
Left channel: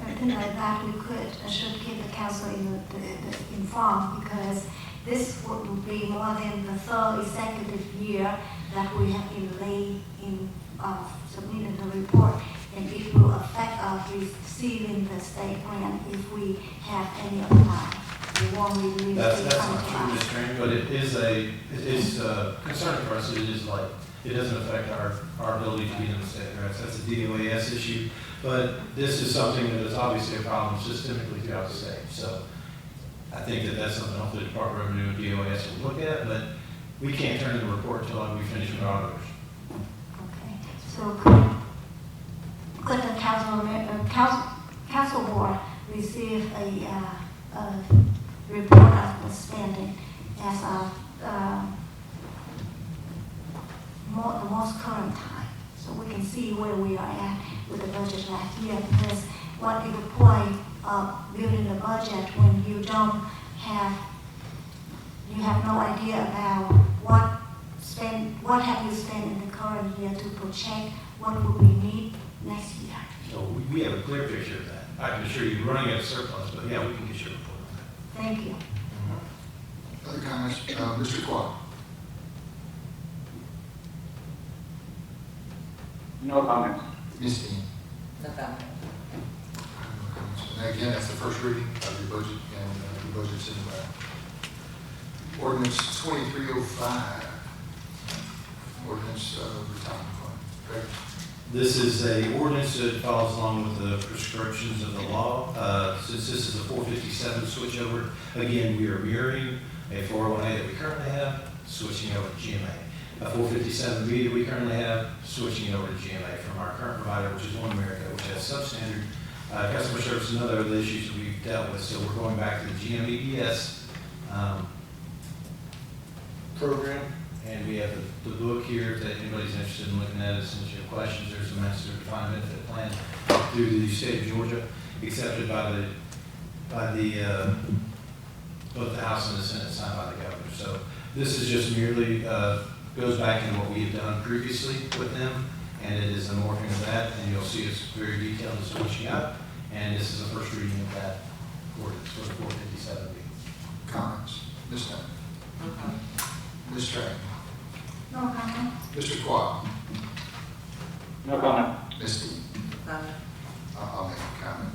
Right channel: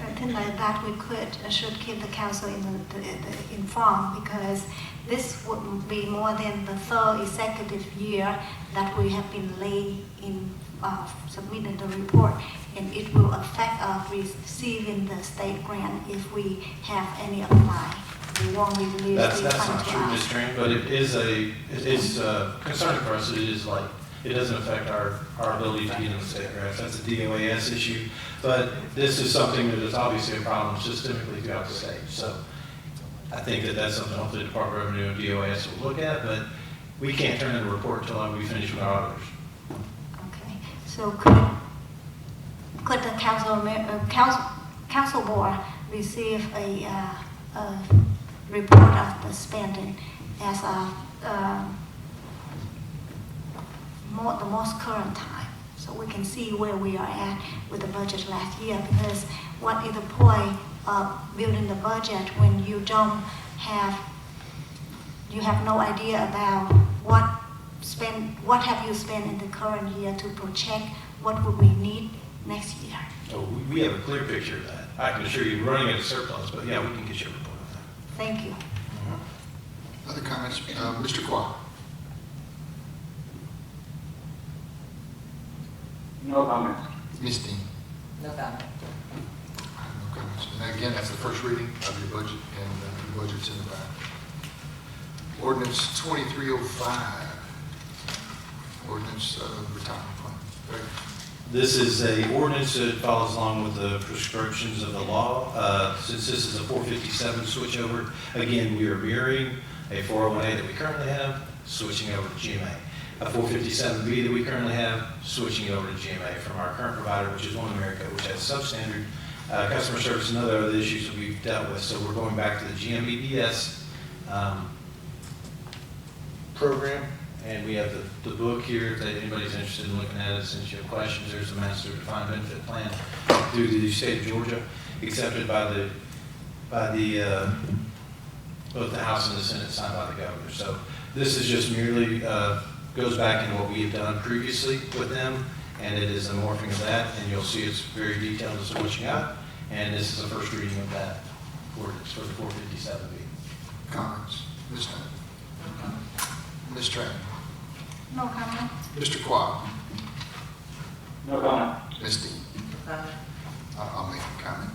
I think like that we should keep the council informed, because this would be more than the third consecutive year that we have been late in submitting the report, and it will affect us receiving the state grant if we have any apply. We won't release That's the not true, contract. Ms. Train, but it's concerning for us. It is like, it doesn't affect our ability to get in the state grants. That's a DOAS issue. But this is something that is obviously a problem systemically throughout the state. So I think that that's something hopefully the Department of Revenue and DOAS will look at, but we can't turn in a report until we finish with our auditors. Okay, so could the council board receive a report of the spending as the most current time, so we can see where we are at with the budget last year? Because what is the point of building the budget when you have no idea about what have you spent in the current year to project what would we need next year? Oh, we have a clear picture of that. I can assure you, running at a surplus, but yeah, we can get you a report. Thank you. Other comments? Mr. Quah. No comments. Ms. Dean. No comment. And again, that's the first reading of your budget, and your budget's in the back. Ordinance 2305. Ordinance retirement fund. Greg? This is a ordinance that follows along with the prescriptions of the law. Since this is a 457 switchover, again, we are mirroring a 401A that we currently have, switching over to GMA. A 457B that we currently have, switching over to GMA from our current provider, which is One America, which has substandard customer service and other issues that we've dealt with. So we're going back to the GMEBS program. And we have the book here, if anybody's interested in looking at it, since you have questions, there's a master defined benefit plan through the state of Georgia, accepted by both the House and the Senate, signed by the governor. So this is just merely, goes back in what we had done previously with them, and it is a morphing of that, and you'll see it's very detailed as to what you got. And this is the first reading of that ordinance for the 457B. Comments? Ms. Hunt? No comment. Ms. Train? No comment. Mr. Quah? No comment. Ms. Dean? No comment. I'll make a comment.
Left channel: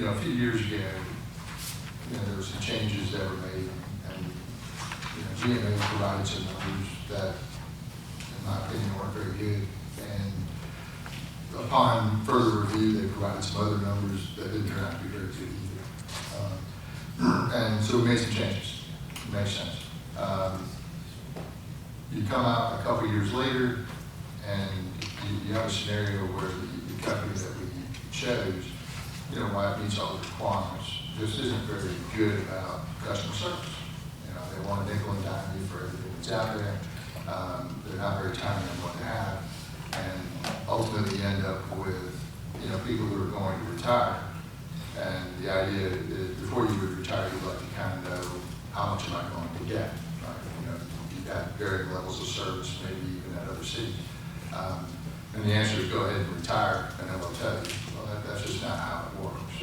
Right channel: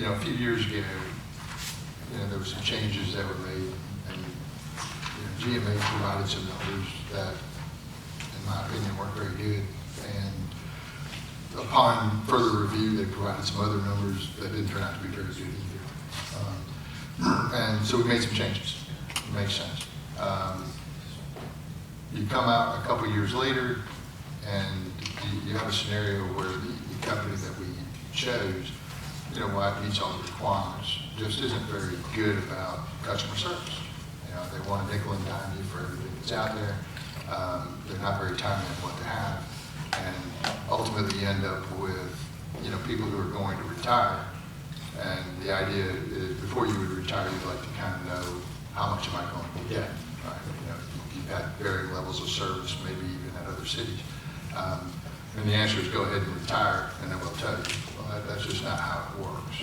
A few years ago, there were some changes that were made, and GMA provided some numbers that, in my opinion, weren't very good. And upon further review, they provided some other numbers that didn't turn out to be very good either. And so we made some changes. It makes sense. You come out a couple years later, and you have a scenario where the company that we chose, while it meets all the requirements, just isn't very good about customer service. They want to nickel and dime you for everything that's out there. They're not very timely in what they have, and ultimately end up with people who are going to retire. And the idea is, before you would retire, you'd like to kind of know, how much am I going to get? Right? You've got varying levels of service, maybe even at other cities. And the answer is go ahead and retire, and then they'll tell you, well, that's just not how it works.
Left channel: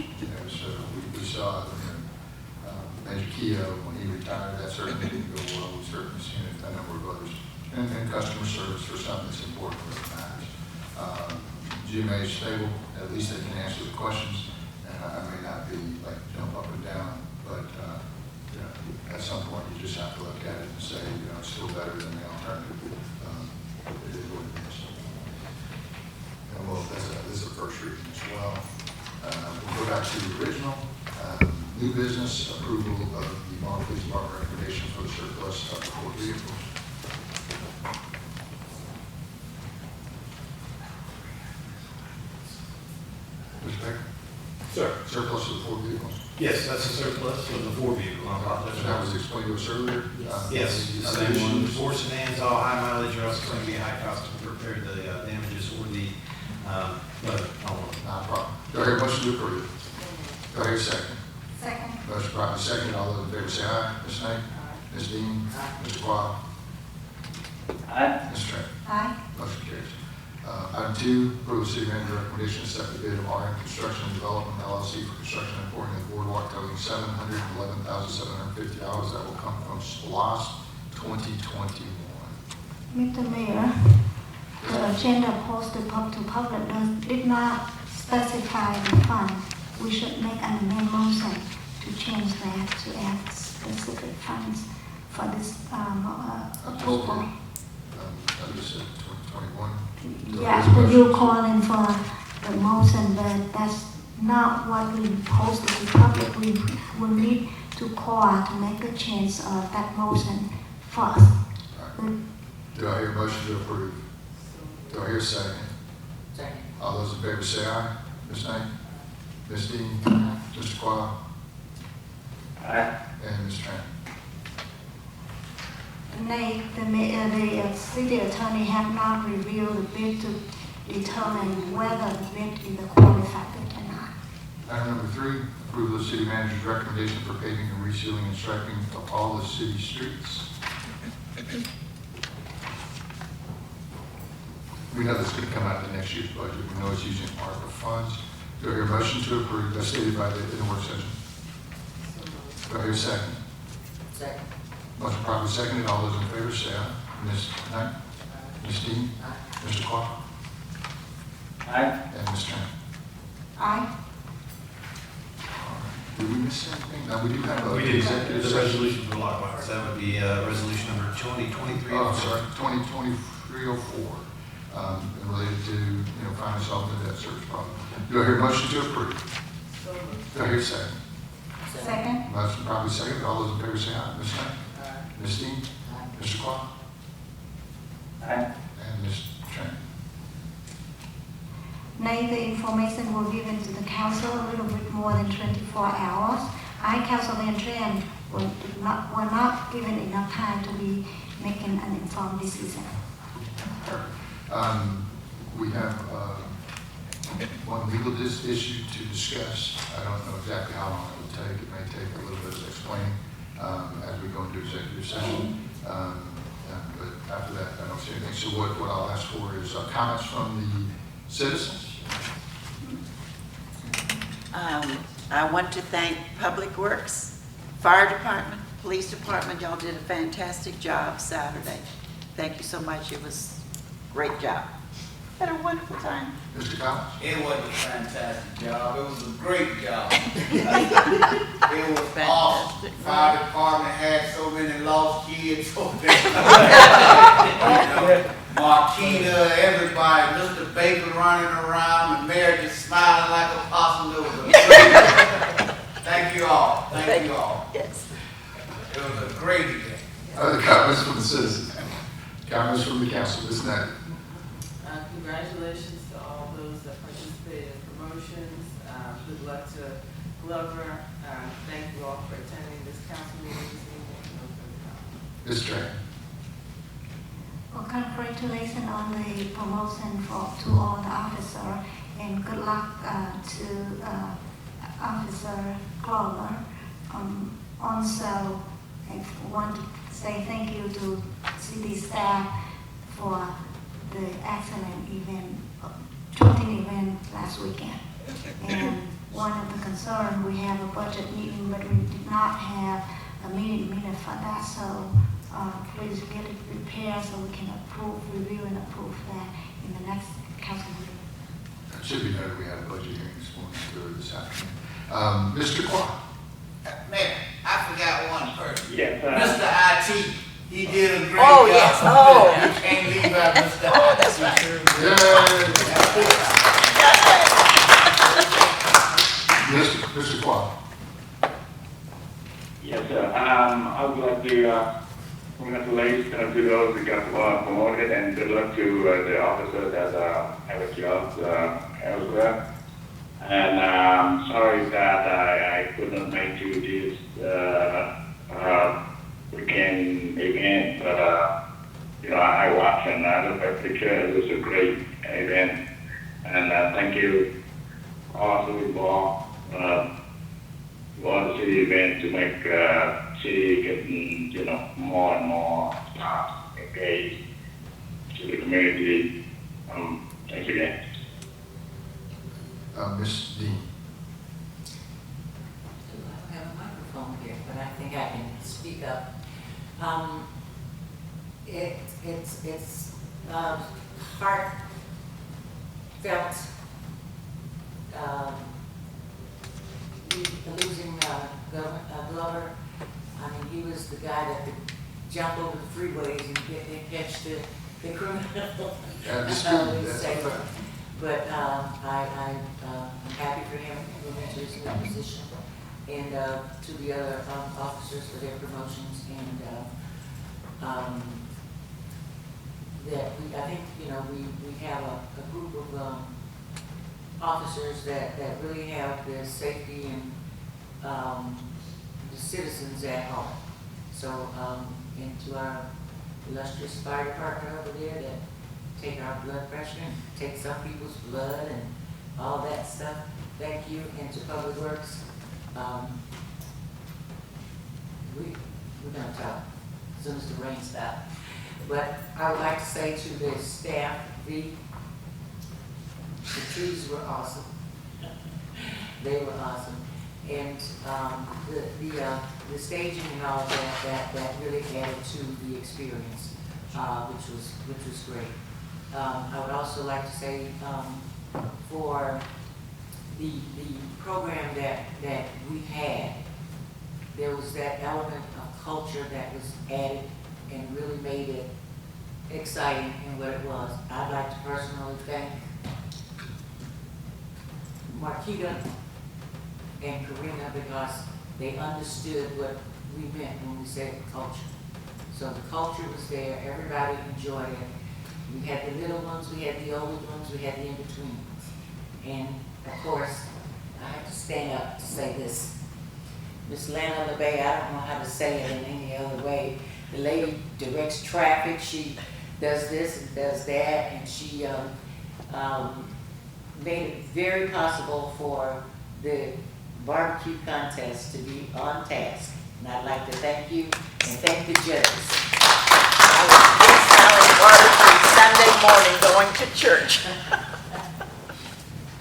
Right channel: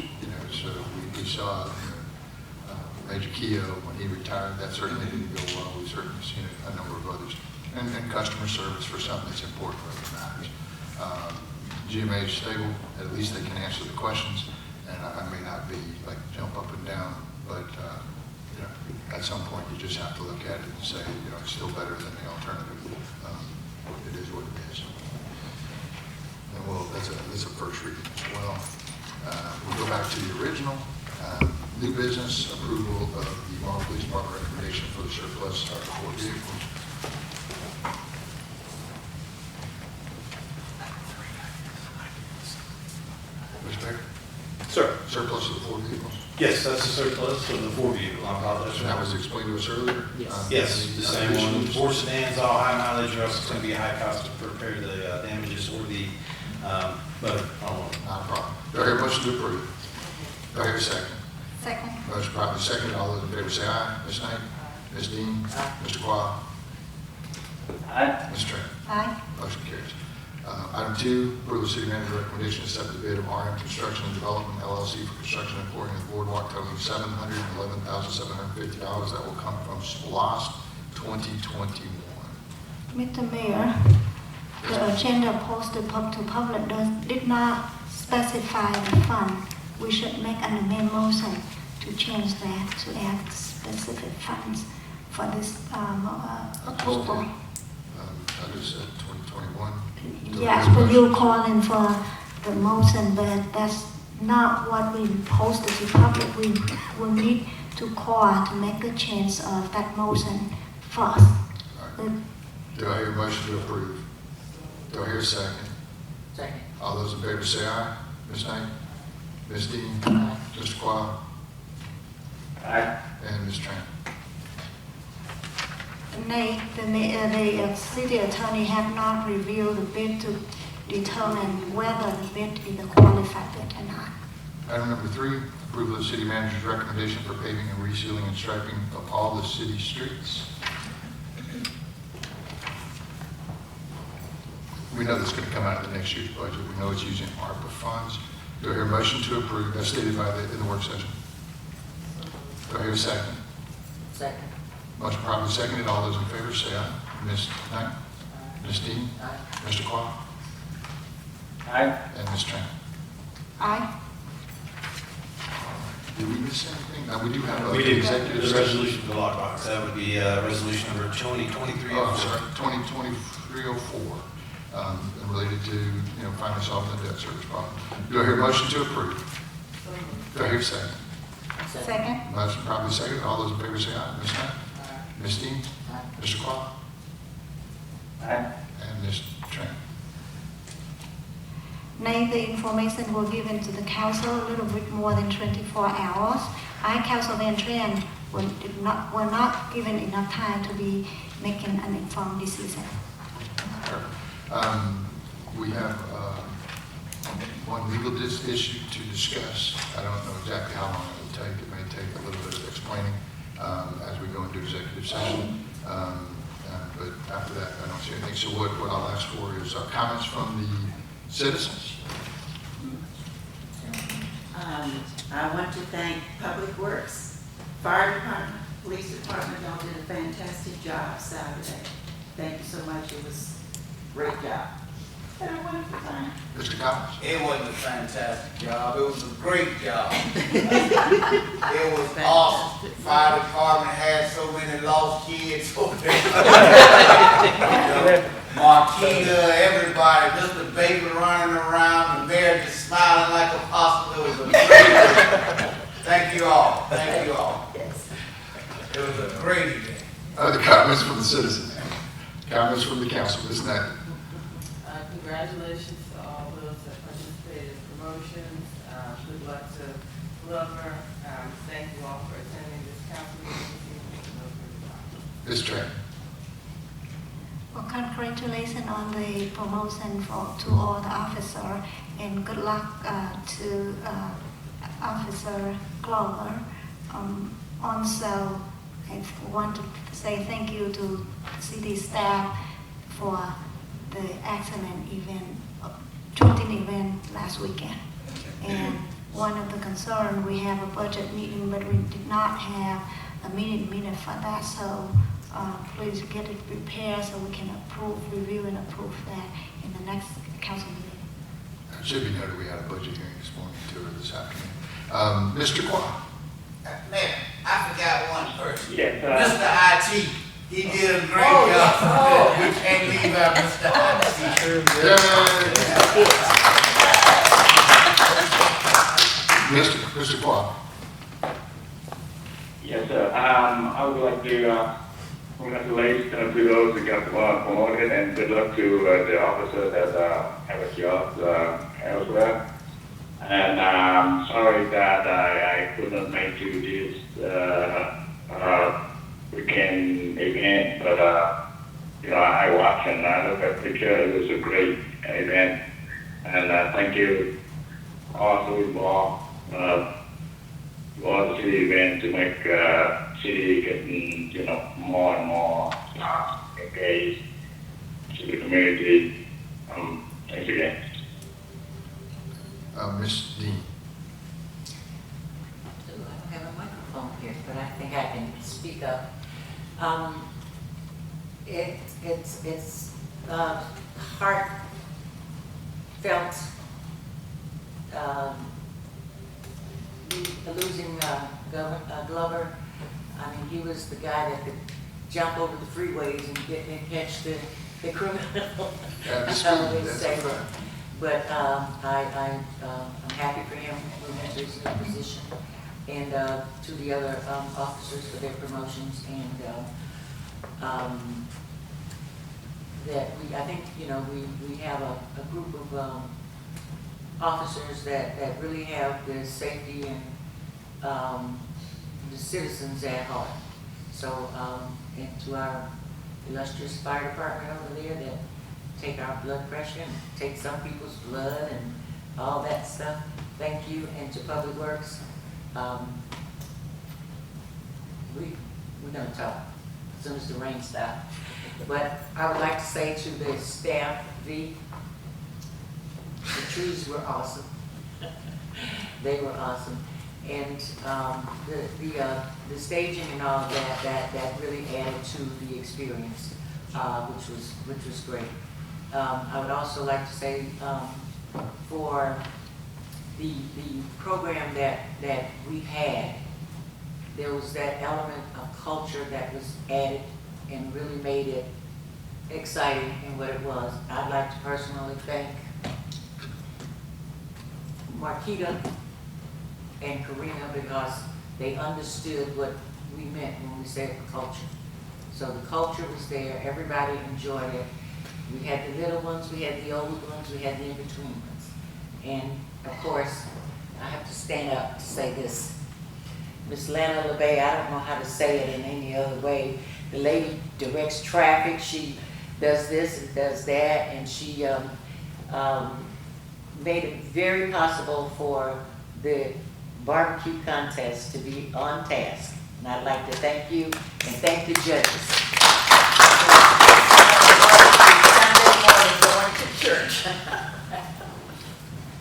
So we saw Major Keogh, when he retired, that certainly didn't go well. We certainly seen a number of others. And customer service for something that's important for the matters. GMA is stable, at least they can answer the questions. I may not be like jump up and down, but at some point you just have to look at it and say, it's still better than the alternative. It is what it is. And this is a first reading as well. We'll go back to the original. New business approval of the Morrow Police Department recommendation for the surplus of the 4 vehicles. Mr. Mayor? Sir? Surplus of the 4 vehicles. Yes, that's the surplus of the 4 vehicle. I apologize. So that was explained to us earlier? Yes, the same one. 4 sedans, all high mileage, or else it's going to be a high cost to repair the damages or the motor. Not a problem. Do I hear a motion to approve? Do I hear a second? Second. Motion properly second. All those in favor say aye. Ms. Knight? Ms. Dean? Aye. Mr. Quah? Aye. Ms. Trent? Aye. Motion carries. Item 2, approve city manager recommendation to accept the bid of RM Construction and Development LLC for construction and pouring of the boardwalk totaling $711,750 that will come from SPOS 2021. Mr. Mayor, the agenda posted to public did not specify the fund. We should make an motion to change that to add specific funds for this approval. I just said 2021. Yes, but you're calling for the motion, but that's not what we posted to public. We will need to call to make the change of that motion first. Do I hear a motion to approve? Do I hear a second? Second. All those in favor say aye. Ms. Knight? Ms. Dean? Mr. Quah? Aye. And Ms. Tran? Nay, the city attorney have not reviewed the bid to determine whether the bid is qualified or not. Item number 3, approval of the city manager's recommendation for paving and resealing and striping of all the city streets. We know this is going to come out of the next year's budget. We know it's using ARPA funds. Do I hear a motion to approve as stated by the work session? Do I hear a second? Second. Motion properly seconded. All those in favor say aye. Ms. Knight? Ms. Dean? Aye. Mr. Quah? Aye. And Ms. Tran? Aye. Did we miss anything? No, we do have a... We do, the resolution for the lockbox, that would be resolution number 2023. Oh, I'm sorry, 2023-04, related to, finally solving the debt service problem. Do I hear a motion to approve? Do I hear a second? Second. Motion probably second. All those in favor say aye. Ms. Knight? Aye. Ms. Dean? Aye. Mr. Quah? Aye. And Ms. Tran? Nay, the information will be given to the council a little bit more than 24 hours. I, Councilman Tran, were not given enough time to be making an informed decision. We have one legal issue to discuss. I don't know exactly how long it will take. It may take a little bit of explaining as we go into executive session. But after that, I don't see anything. So what I'll ask for is comments from the citizens. I want to thank Public Works, Fire Department, Police Department. Y'all did a fantastic job Saturday. Thank you so much. It was a great job. Had a wonderful time. Mr. Cox? It was a fantastic job. It was a great job. It was awesome. The fire department had so many lost kids over there. Marquita, everybody, Mr. Baker running around, the mayor just smiling like a possum. It was a great day. Thank you all. Thank you all. Yes. It was a great event. Other comments from the citizens? Comments from the council? Ms. Knight? Congratulations to all those that participated in promotions. Good luck to Glover. Thank you all for attending this council meeting this evening. Ms. Tran? Well, congratulations on the promotion to all the officers, and good luck to Officer Glover. Also, I want to say thank you to city staff for the excellent event, shooting event last weekend. And one of the concerns, we have a budget meeting, but we did not have a meeting for that. So please get it prepared so we can review and approve that in the next council meeting. So you know we have a budget meeting this morning or this afternoon. Mr. Quah? Man, I forgot one person. Yes, Mr. IT, he did a great Oh, job. yes. Oh. We can't leave out Mr. IT. Mr. Quah? yes, sir. I would like to congratulate to those who got promoted, and good luck to the officers that have a job elsewhere. And I'm sorry that I could not make to this weekend event, but I watched and I looked at the picture. It was a great event, and thank you also involved to all the city event to make city getting more and more engaged to the community. Thanks again. Ms. Dean. Ooh, I don't have a microphone here, but I think I can speak up. It's heartfelt, losing Glover. I mean, he was the guy that could jump over the freeways and catch the criminal. I always say that. But I'm happy for him moving to his new position, and to the other officers for their promotions, and that I think, we have a group of officers that really have the safety and the citizens at heart. So, and to our illustrious fire department over there that take our blood pressure and take some people's blood and all that stuff, thank you. And to Public Works, we're gonna talk as soon as the rain stops. But I would like to say to the staff, the trees were awesome. They were awesome. And the staging and all that really added to the experience, which was great. I would also like to say, for the program that we had, there was that element of culture that was added and really made it exciting in what it was. I'd like to personally thank Marquita and Karina, because they understood what we meant when we said culture. So the culture was there, everybody enjoyed it. We had the little ones, we had the old ones, we had the in-between ones. And of course, I have to stand up to say this. Miss Lana LeBay, I don't know how to say it in any other way. The lady directs traffic, she does this and does that, and she made it very possible for the barbecue contest to be on task. And I'd like to thank you and thank the judges. Sunday morning going to church.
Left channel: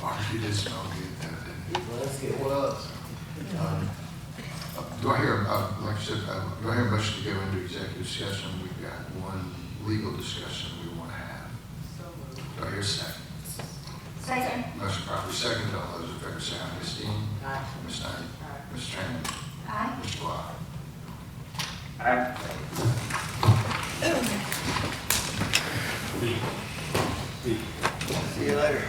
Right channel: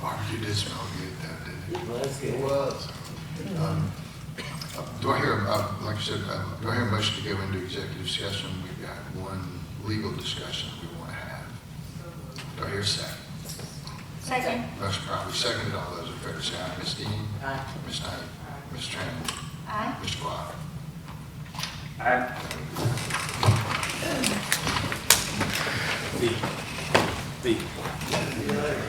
Barbecue did smell good, didn't it? It was good. It was. Do I hear, like I said, do I hear a motion to go into executive session? We've got one legal discussion we want to have. Do I hear a second? Second. Motion properly seconded. All those in favor say aye. Ms. Dean? Aye. Ms. Knight? Ms. Tran? Aye. Ms. Block? I See you later.